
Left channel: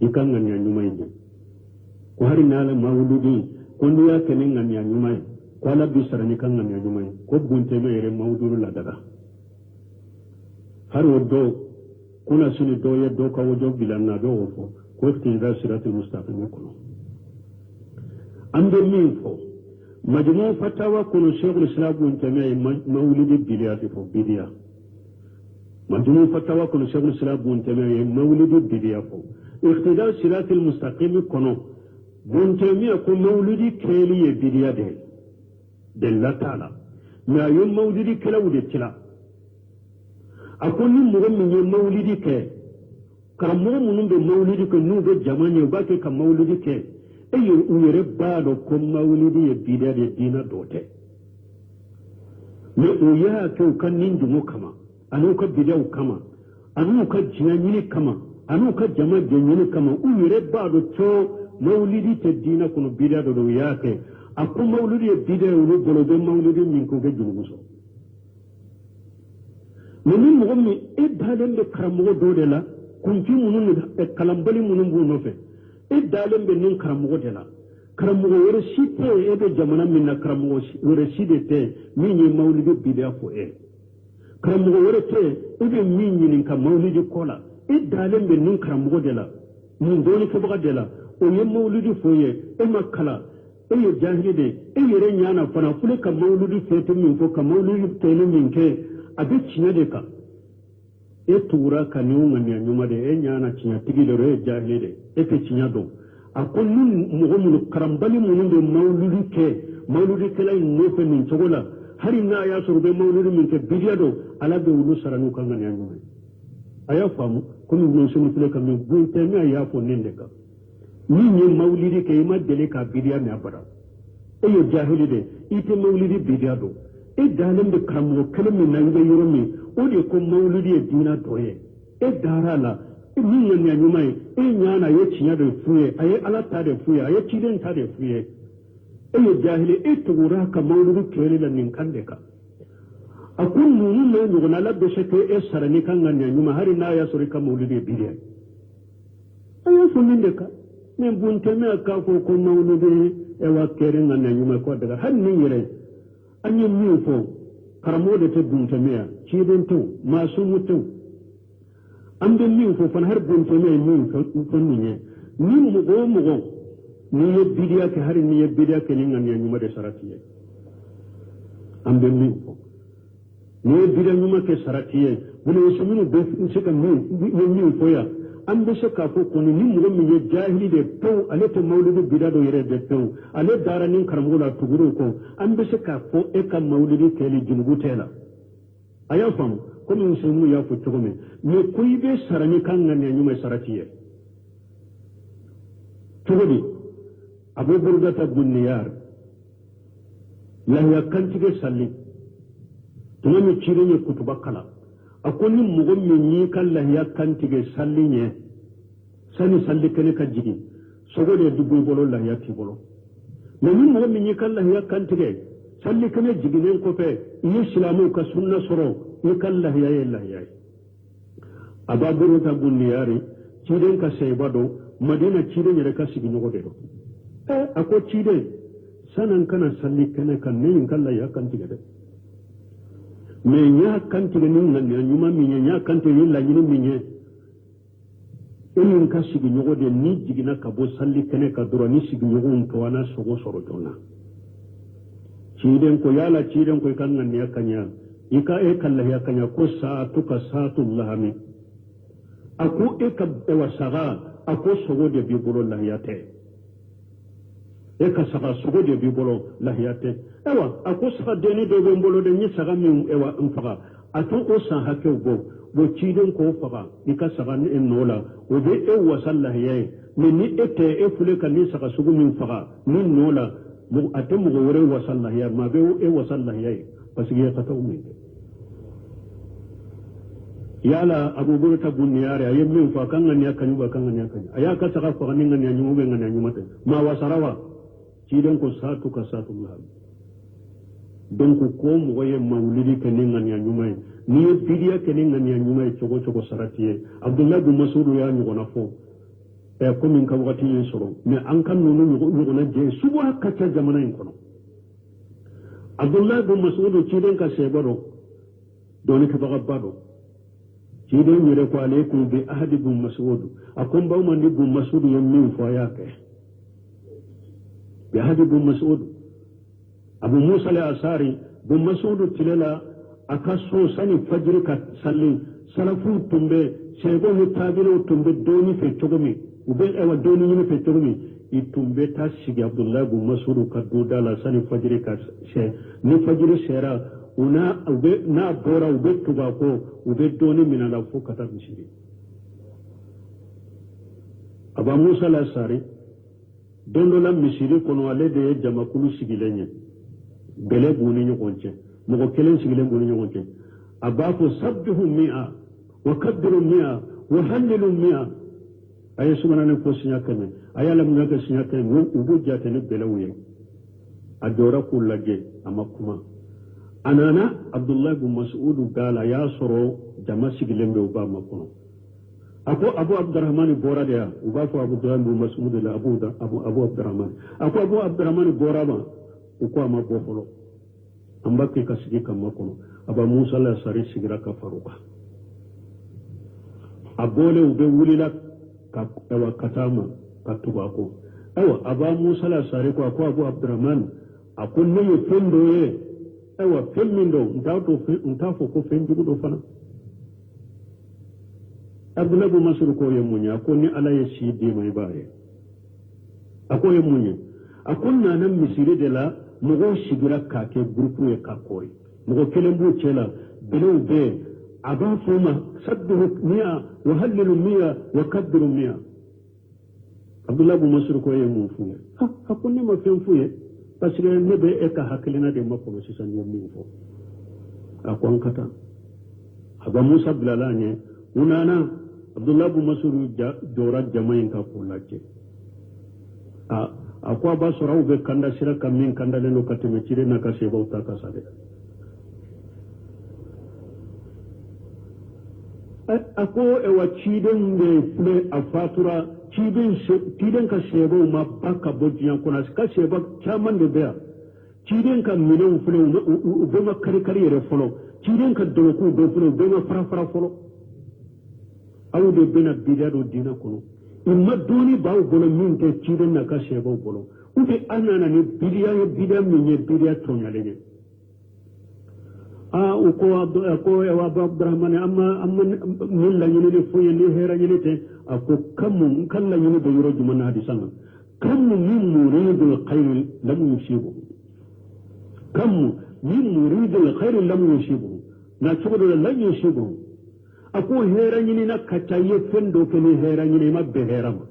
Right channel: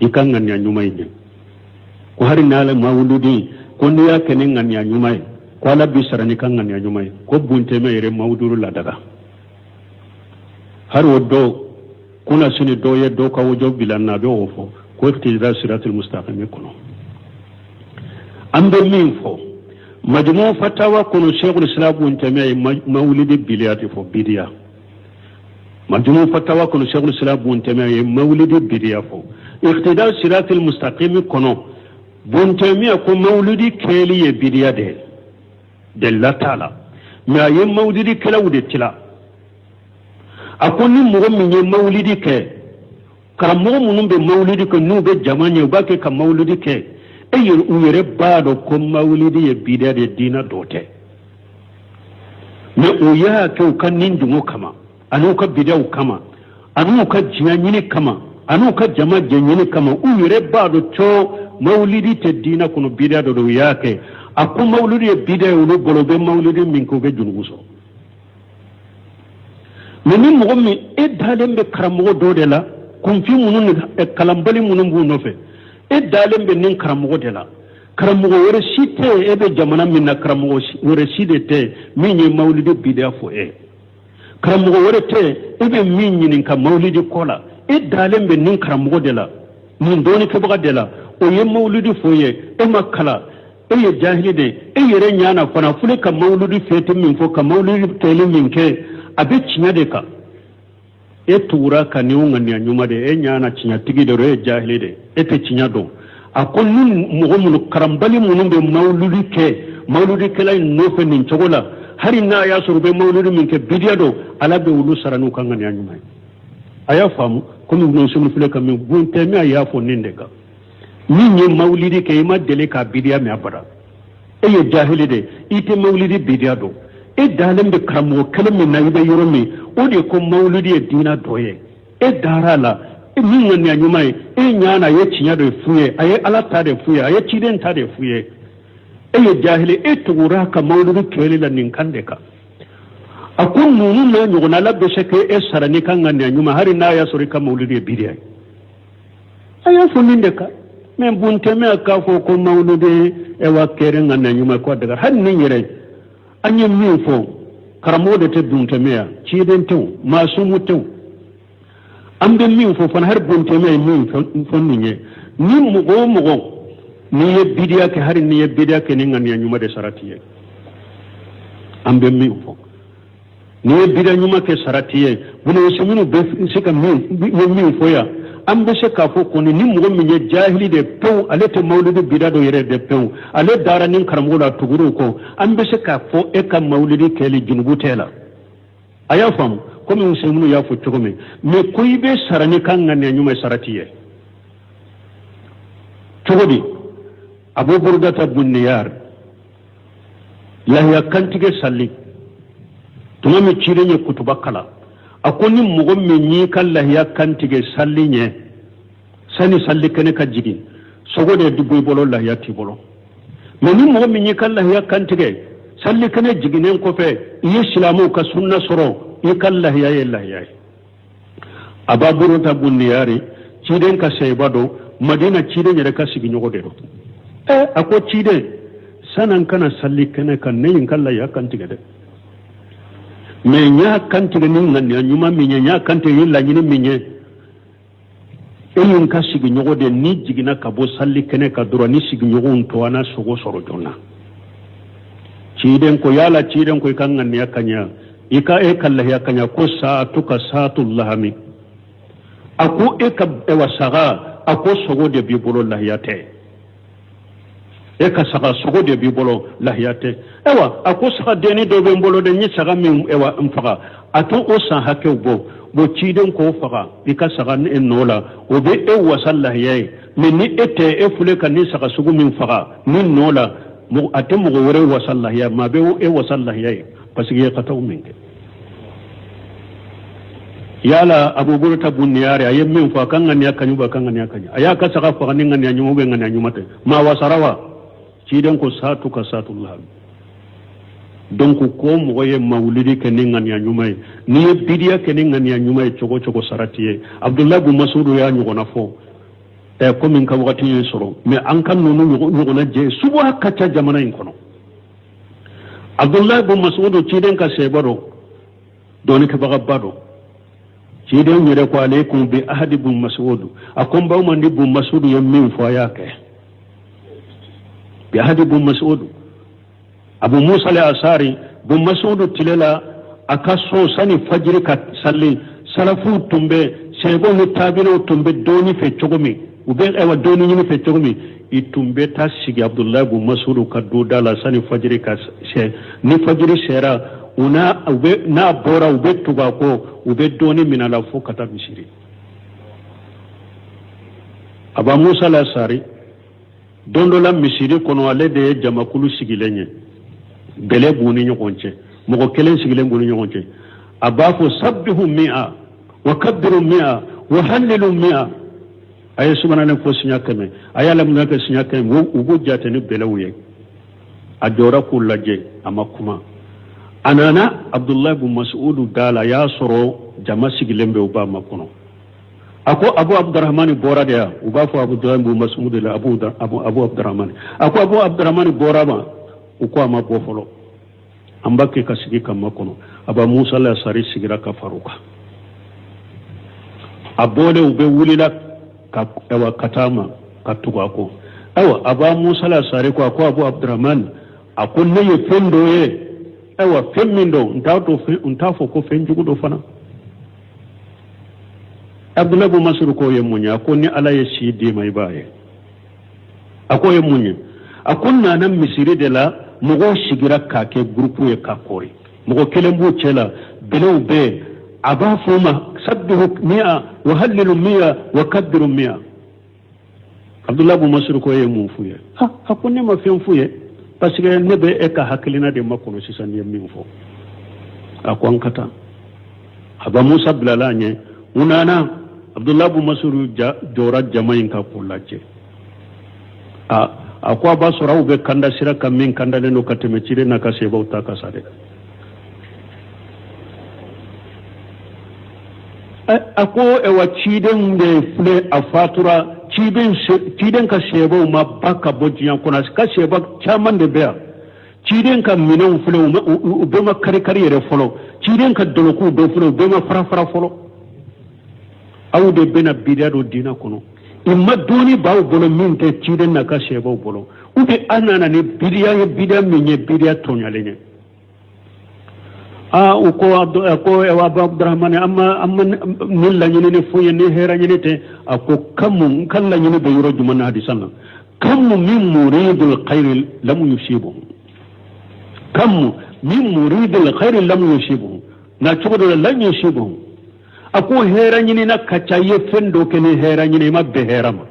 ikan ngania nyumay ni ko hari nala mawludi ko ni ya kenin ngania nyumay ko ala bi sarani kan ngania nyumay ko Ibn Taymiyyah yere mawduru la daga har wodo kuna sini do ye do ka wojo bilanna be ofo ko iqtidai siratil mustaqim kono ambe min fo مجموع فتاوى كون شيخ الإسلام ابن تيمية مولد بليات بديا مجموع فتاوى كون شيخ الإسلام ابن تيمية مولد بليا اقتداء صراط المستقيم كونو ابن تيمية كون مولد كيلي بديا دل تعالى ما يم مولد كلا ودتلا أكون مغمي مولد كي كرمو منهم بمولد كنو بجماني وباكي كمولد كي أي ويرى بعض كم مولد يبيدا الدين دوته ما وياه كيو كان نندمو كما أنو كبيدا كما أنو كجناني كما أنو كجما جناني كما ويرى بعض شو مولد الدين كنو بيدا دو وياه كي أكو مولد يبيدا ولو بلو مولد منكو بجنوسو منين مغمي إدهالهم بكرمو دودلا كم في منون كلامبالي منون بونوفه إدهالهم بنين كرمو دلا كرمو ورسيته إبه جمانا منا كرمو ورسيته ميني مولد بيدا فو كرمو ورته إبه ميني نكا مولد كولا إدهالهم بنين كرمو دلا من دوني كبغا دلا ويه مولد فو إما كلا إيه جاهلي دي إيه رنيانا فنا فولي كمولد فيتم من فو كمولد تيلي من كي abe cinya de ka e tura ka ni unga ni anyuma de e nyana cinya tigi de re jahili de e te cinya do akon nun mo mun karambali mun be mauludi ke lay no fe nin chogola hari na ya suru be mauludi min ke bidiya do ala be wulu saranu kan ni anyuma aya famu ko min sunu fule ka min bunte mi aya fo ninde ka ni ni maulidi ke ma dele ka bidiya mi abara e ye jahili de ite maulidi bidiya do e dalem be karamo kalam min nayi be yoromi o de ko maulidi e dina doye e darala e min ngani anyumai e nyana ye cinya do fuye aye ala ta de fuye aye ciden ta de fuye e ye jahili e tugura ka maulidi kele la nin kande ka akun nunu na nyugona la be sheke e sarani kan ngani anyuma hari na ya sori ka maulidi bidiya aya funinde ka men bunte me ka fo ko maulidi e wa kere ngani anyuma ko daga har nin yere anyi min fo karamo da ta dunta meya ci den tew masu mutew an bin min fo fan har bunta meya min fannin ye ni mugo ni ye bidiya ke har ni ye bidiya ke ni ngani nyuma de saratiye an bin min fo ni ye bidiya nyuma ke saratiye bunu seminu be sika min fo ya an be se ka fo ko ni mugo min ye jahili de pew ale te maulidi bida do yere de pew ale dara nin karamo la tuguru ko an be se ka fo e ka maulidi kele junubu tela aya fam ko min seminu ya fo tugome me koy be sarani kan ngane nyuma saratiye tugodi abu burdata bunniyar la ya kantige salli tuma me cirenye kutubakala akoni mugo me ni kala ya kantige salli nye sani salli kene ka jigi sogode dubu bolo la ya ti bolo me ni mugo me ni kala ya kantige salli kene jigi nen ko fe yi islamu ka sunna soro yi kala ya yella ya ababuru ta bunniyari ciden ka seybado madina ciden yere ka sigi nyogode do ako ciden sanan kana salli kene kan ne yin kala ya kantige de me nya kantige nin nan ya nyuma me nya kantige yilla nyini minye eyin ka sigi nyogode ni jigina ka bo salli kene ka dura ni sigi nyogon to wana sogo soro jonna ciden ko yala ciden ko kan nan ya kanya ika e kalla ya kanya ko saatu ka saatul lahami ako e ka e wasaga ako sogo de bi bolo lahiyate e ka saga sogo de bi bolo lahiyate ewa ako saga deni do be bolo de ni saga min ewa mfaga ato o san hake bo ciden ko faga ika saga ne nola o be e wasal lahiyaye min ni ete e fule kan ni saga sugu min faga min nola mo ate mo wore wasal lahiya ma be e wasal lahiyaye parce que ya kataw min yala abubur ta bunniyare ayem min fa kan ngani akanyu ba kan ngani akanya aya ka saka fa kan ngani anyu be ngani anyu mate ma wasarawa ciden ko saatu ka saatullah donc ko mo ye mawlidi ke ngani anyu mai ni bidiya ke ngani anyu mai chogo saratiye abdullah bin mas'ud ya nyu gona fo e ko min ka wakati ni soro me an kan nonu nyu gona je subo hakka ta jamana in kono abdullah bin mas'ud ciden ka sebaro doni ka baga bado ciden yere ko alaikum bi ahadi bin mas'ud akon baw man bin mas'ud yam min fo yake bi ahadi bin mas'ud abu musa al-asari bu masudu tilela akaso sani fajiri ka salli salafu tumbe sebo ni tabino tumbe doni fe chogomi ube ewa doni ni fe chogomi itumbe ta sigi abdullah bu masudu ka do dala sani fajiri ka ni fajiri sera una ube na bora ube tuba ko ube doni minala fo kata misiri aba musa al-asari dondo la misiri kono ale de jamakulu sigilenye bele buni nyokonche mogo kelen sigilen buni nyokonche abafu sabbihu mi'a wa kabbiru mi'a wa hallilu mi'a ay subhanallahi ko sinya kame ayala mun ka sinya kame ubu jate ni bele wuye adora kullaje amakuma anana abdullah ibn mas'ud dala ya soro jama sigilen be uba makuno ako abu abdurrahman bora de uba fo abdullah ibn mas'ud la abu abdurrahman ako abu abdurrahman bora ma uko ama bo folo ambake kasigi kamma kono aba musa la sari sigira ka faruka abole ube wulila ka ewa katama katuga ko ewa aba musa la sari ko ako abu abdurrahman ako ne fendo ye ewa femmindo ntafo ko fenjugo do fana abdullah bu masur ko yemunya ko ni ala ye shidi mai baye ako yemunya akunna nan misiri de la mogo sigira kake groupe ye kakori mogo kelembu chela below be aba fuma sabbihu mi'a wa hallilu mi'a wa kaddiru mi'a abdullah bu masur ko ye mufuye ha akunne ma fenfuye parce que nebe e ka hakilina de makono sisan ye minfo akon kata aba musa bilalanye unana abdullah bu masur jora jamain ka kulache akwa ba sura ube kanda sira kamin kanda leno kateme chire na kaseba utaka sade ako ewa chiden de fle afatura chiden ka seba uma baka bojiyan kuna ka seba chaman de bea chiden ka minon fle ube ma kare yere folo chiden ka doloku do fle ube ma fara folo awu de bena bidado dina kono imma doni baw bolo min te ciden na ka shebo bolo ube anana ni bidiya minye bidiya tonyalenya uko abdurrahman amma nilla nyini ni fuye ni hera nyini te ako kamu kala nyini be yoro juma na hadisan kamu min muridul khair lam yusibu kamu min muridul khair lam yusibu na chugo lam yusibu ako hera nyini na kachaye fendo kene hera nyini mabbe herama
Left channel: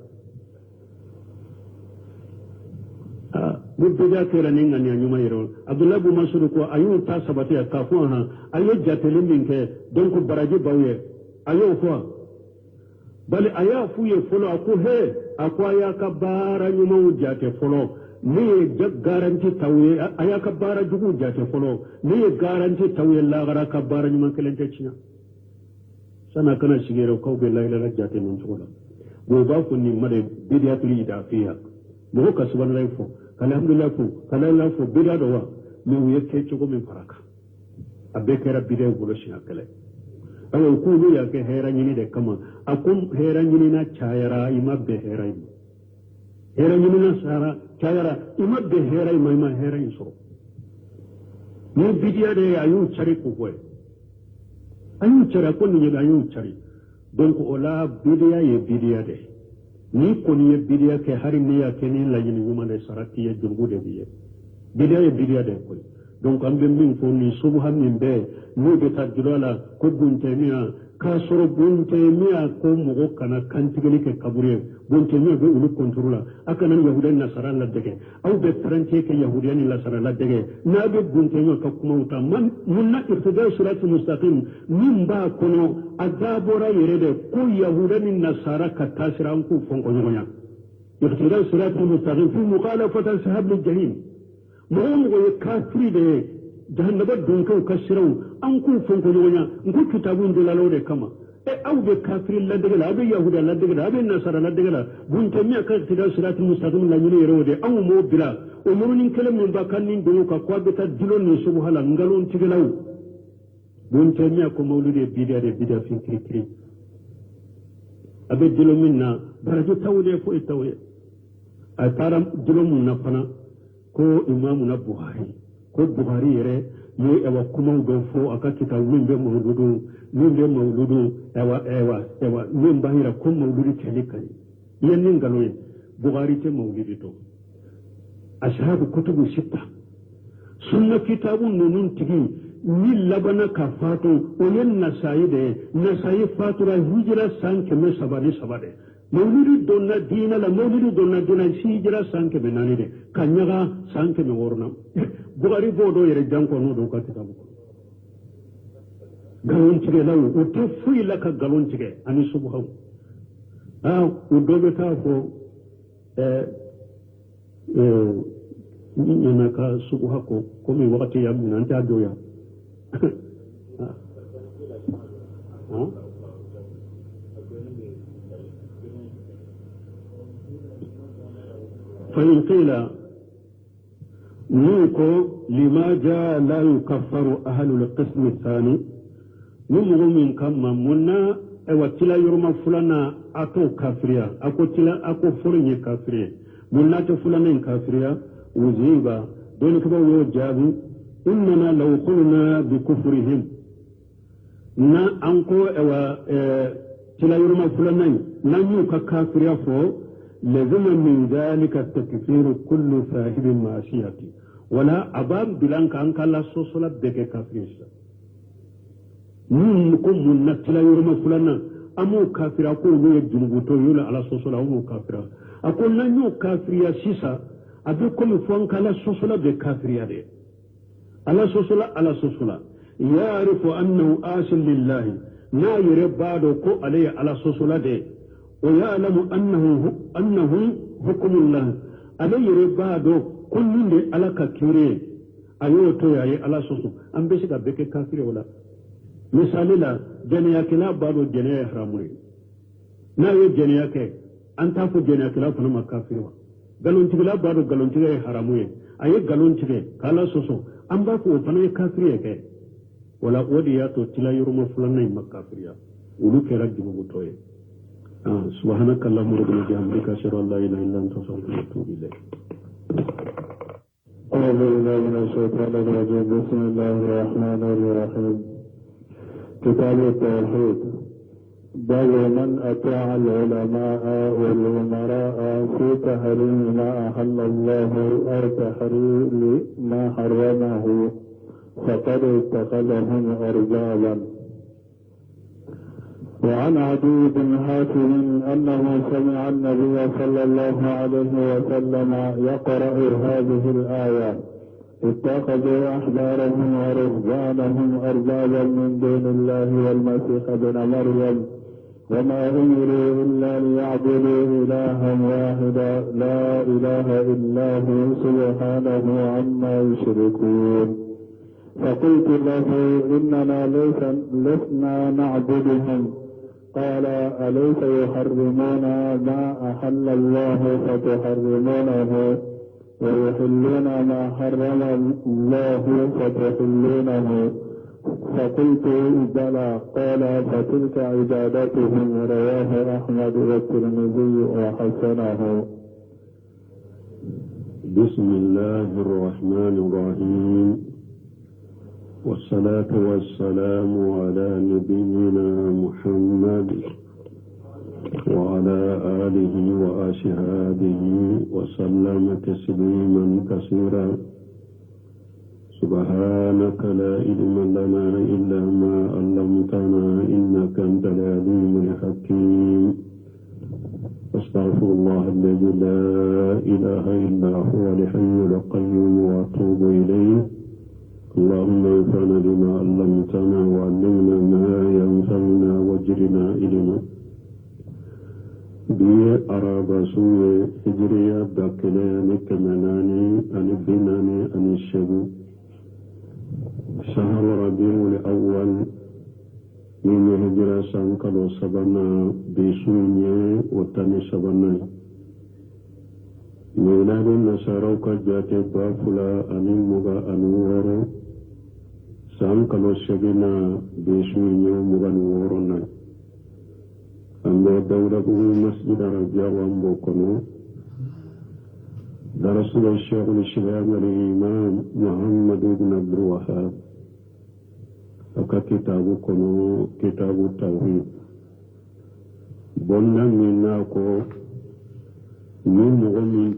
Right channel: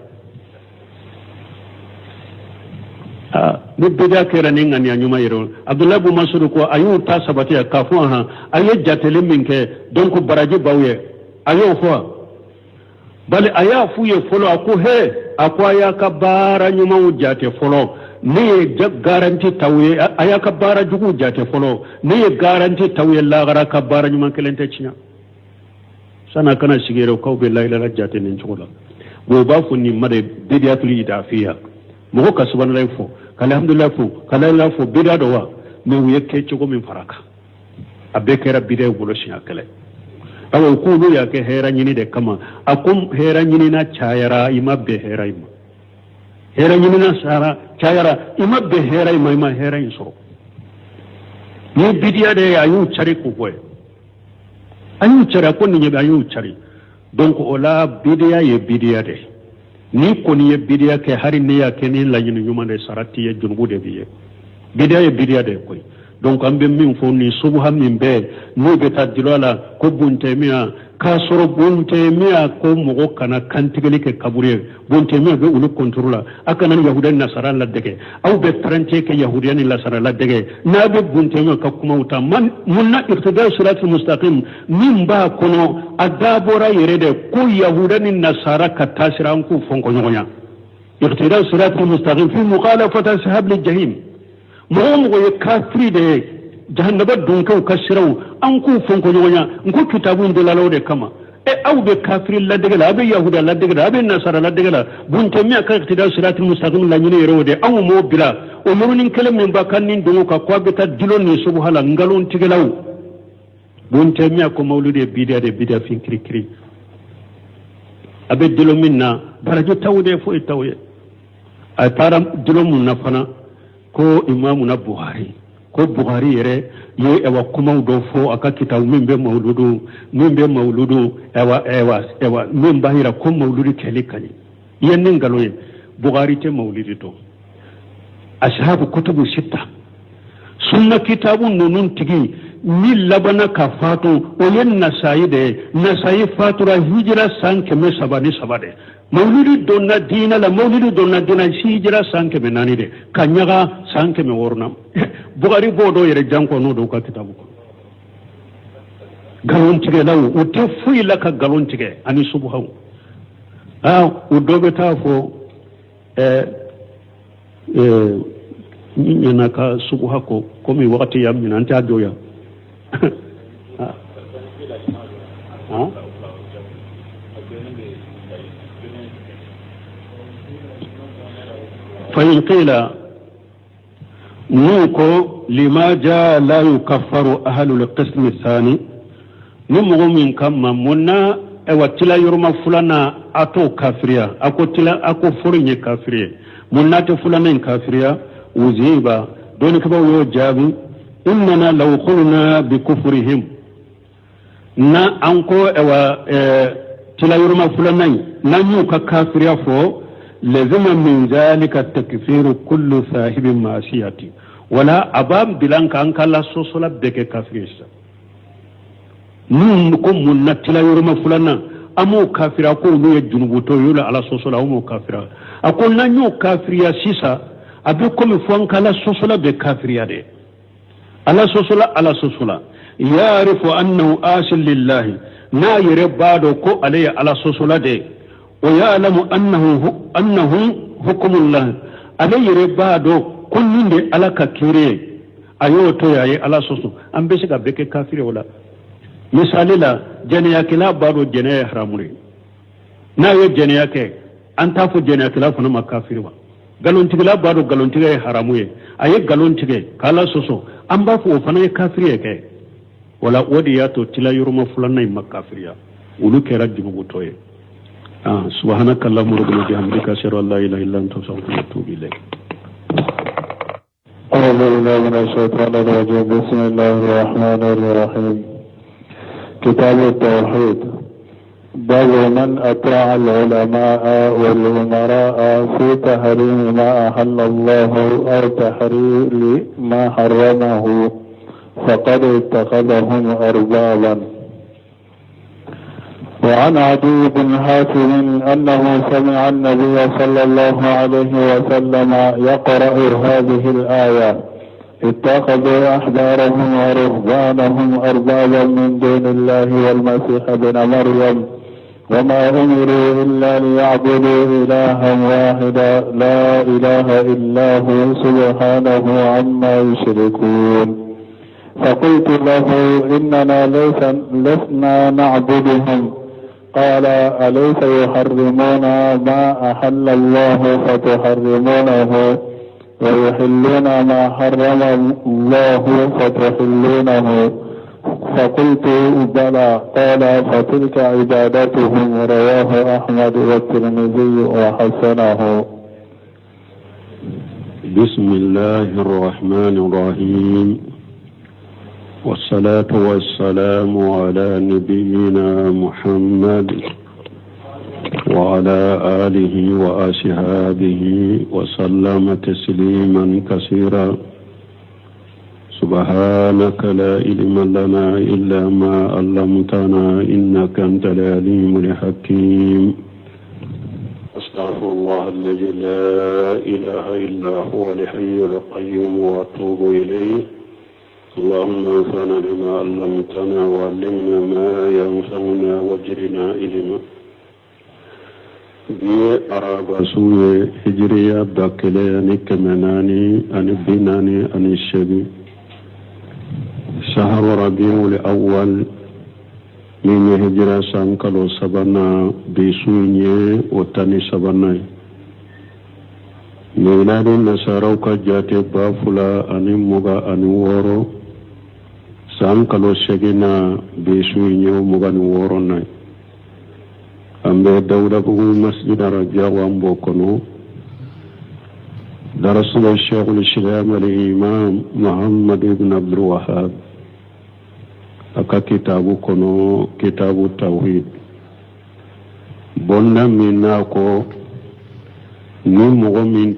ni bida kera ninga ni anyuma yero abdullah bu masud ko ayu ta sabati ka fo ha ayu jatele minke donc baraji bawye ayu fo bale aya fuye folo ako he akwa ya ka bara nyuma ujate folo ni garanti tawye aya ka bara jugu jate folo ni garanti tawye la gara ka bara nyuma kelente chinya sana kana shigero ko be la ilaha jate nin chugula go ba fu ni made bidiyatul idafiya mo ka subhanallahi fo alhamdulillah fo kala la fo bidia do wa me wiye ke chugo min faraka abe kera bidia gulo shi akale awo ko no ya ke hera nyini de kama akum hera nyini na chayara imabbe hera ima hera nyini na sara chayara imabbe hera ima hera inso ni bidia de ayu chari ko boy ayu chari ko ni ayu chari donc ola bidia ye bidia de ni koni ye bidia ke hari ne ya ke ni la nyini nyuma de sarati ye junbu de biye bidia ye bidia de koy donc ambe min fo ni subhan min be no be tadilala ko bunte miya ka soro bunte miya ko mogo kana kantigeli ke kabure bunte miya be ulu kontrola akana yahudan nasara la dege aw be trante ke yahudiyan la sara la dege na be bunte miya ka kuma uta man munna irtida siratul mustaqim min ba kono adabora yerede ko yahudan nasara ka tasiran ku fonko nyonya irtida siratul mustaqim fi mukhalafati ashab al jahim mo ye kafiri de jahannaba dunkaw kasiraw an ku fonko nyonya nku kitabu inde lalaw de kama aw be kafiri la de la be yahuda la de la be nasara la de la bunte mi aka irtida siratul mustaqim la nyine yerode aw mo bila o murnin kelam min bakan nin dungo ka ko be ta dilon ni subhala ngalon tigelaw bunte mi ko mawlude bidia fin kiri abe dilo minna barajo tawde fo tawye ay param dilo mun na fana ko imamu na buhari ko Bukhari yere ye ewa kuma do fo aka kitabu min be mauludu ewa min bahira ko mauludi keli kani yennin galoye Bukhari te maulidi to ashabu kutubu sita sunna kitabu nunun tigi ni labana ka fatu o yen nasayi fatura hijira san keme sabade maulidi donna dina la maulidi donna dina hijira san keme nani de kanyaga san keme worna Bukhari bodo yere janko no do ka kitabu ko galon tige law o te fuyi la ka galon tige ani subhaw o dobe ta fo ni ka subha ko komi wakati yam min anta doya فإن قيل نوكو لما جاء لا يكفر أهل القسم الثاني نمغو من كما منا وتلا يرمى فلانا أتو كافريا أكو فرني كافريا منا تفلانا كافريا وزيبا دون كبو جابي إننا لو قلنا بكفرهم نا أنكو تلا يرمى فلانا نانيو كافريا فو لزم من ذلك التكفير كل صاحب معصية ولا أبام بلانك أنك لا سوسولا بك كافريسا نكم من نتلا يرمى فلانا أمو كافر أقول نو يجنبوتو يولا على سوسولا أمو كافر أقول نانيو كافريا سيسا أبيكم فوانك لا سوسولا بكافريا دي على سوسولا يعرف أنه آسل لله نا يربادو كو عليه على سوسولا دي ويعلم أنه حكم الله عليه ربادو كل من على كثير أيوتو يا على سوسو أم بيسك بك كافر ولا مثال لا جنياك لا بارو جنيا حرامري نا يجنياك أنت فو جنياك لا فنما كافر وا galon tigla baro galon tigay haramuye aye galon tigay kala soso أم بافو فنا كافر يك ولا ودياتو تلا يرمى فلان مكافريا ولو كرا جبوتوي سبحانك اللهم ربنا بحمدك أشهد أن لا إله إلا أنت أستغفرك وأتوب إليك. أعوذ بالله من الشيطان الرجيم بسم الله الرحمن الرحيم. كتاب التوحيد. باب من أطاع العلماء والأمراء في تحريم ما أحل الله أو تحريم ما حرمه فقد اتخذهم أربابا. وعن عدي بن حاتم أنه سمع النبي صلى الله عليه وسلم يقرأ هذه الآية: اتخذوا أحبارهم ورهبانهم أربابا من دون الله والمسيح ابن مريم وما أمروا إلا ليعبدوا إلها واحدا لا إله إلا هو سبحانه عما يشركون. فقلت له: إننا لسنا نعبدهم. قال: أليس يحرمون ما أحل الله فتحرمونه ويحلون ما حرم الله فتحلونه؟ فقلت: بلى. قال: فتلك عبادتهم. رواه أحمد والترمذي وحسنه. بسم الله الرحمن الرحيم، والصلاة والسلام على نبينا محمد وعلى آله وأصحابه وسلم تسليما كثيرا. سبحانك لا علم لنا إلا ما علمتنا إنك أنت العليم الحكيم. أستغفر الله الذي لا إله إلا هو الحي القيوم وأتوب إليه. اللهم انفعنا بما علمتنا وعلمنا ما ينفعنا واجرنا علما. بي أراب سوء هجرية باكلياني كمناني أن بناني أن الشبي شهر ربيع الأول من هجرة سانكالو سبنا بسوء وتاني سبنا ميلاد النصارى كجاتي بافلا أن مغا أن وورو سانكالو شجنا بسوء ومغا وورو ambe dawda bugu masjid raja wambo kono درسنا الشيخ الإسلام الإمام محمد بن عبد الوهاب أكا كتاب التوحيد بنا مناكو نمو من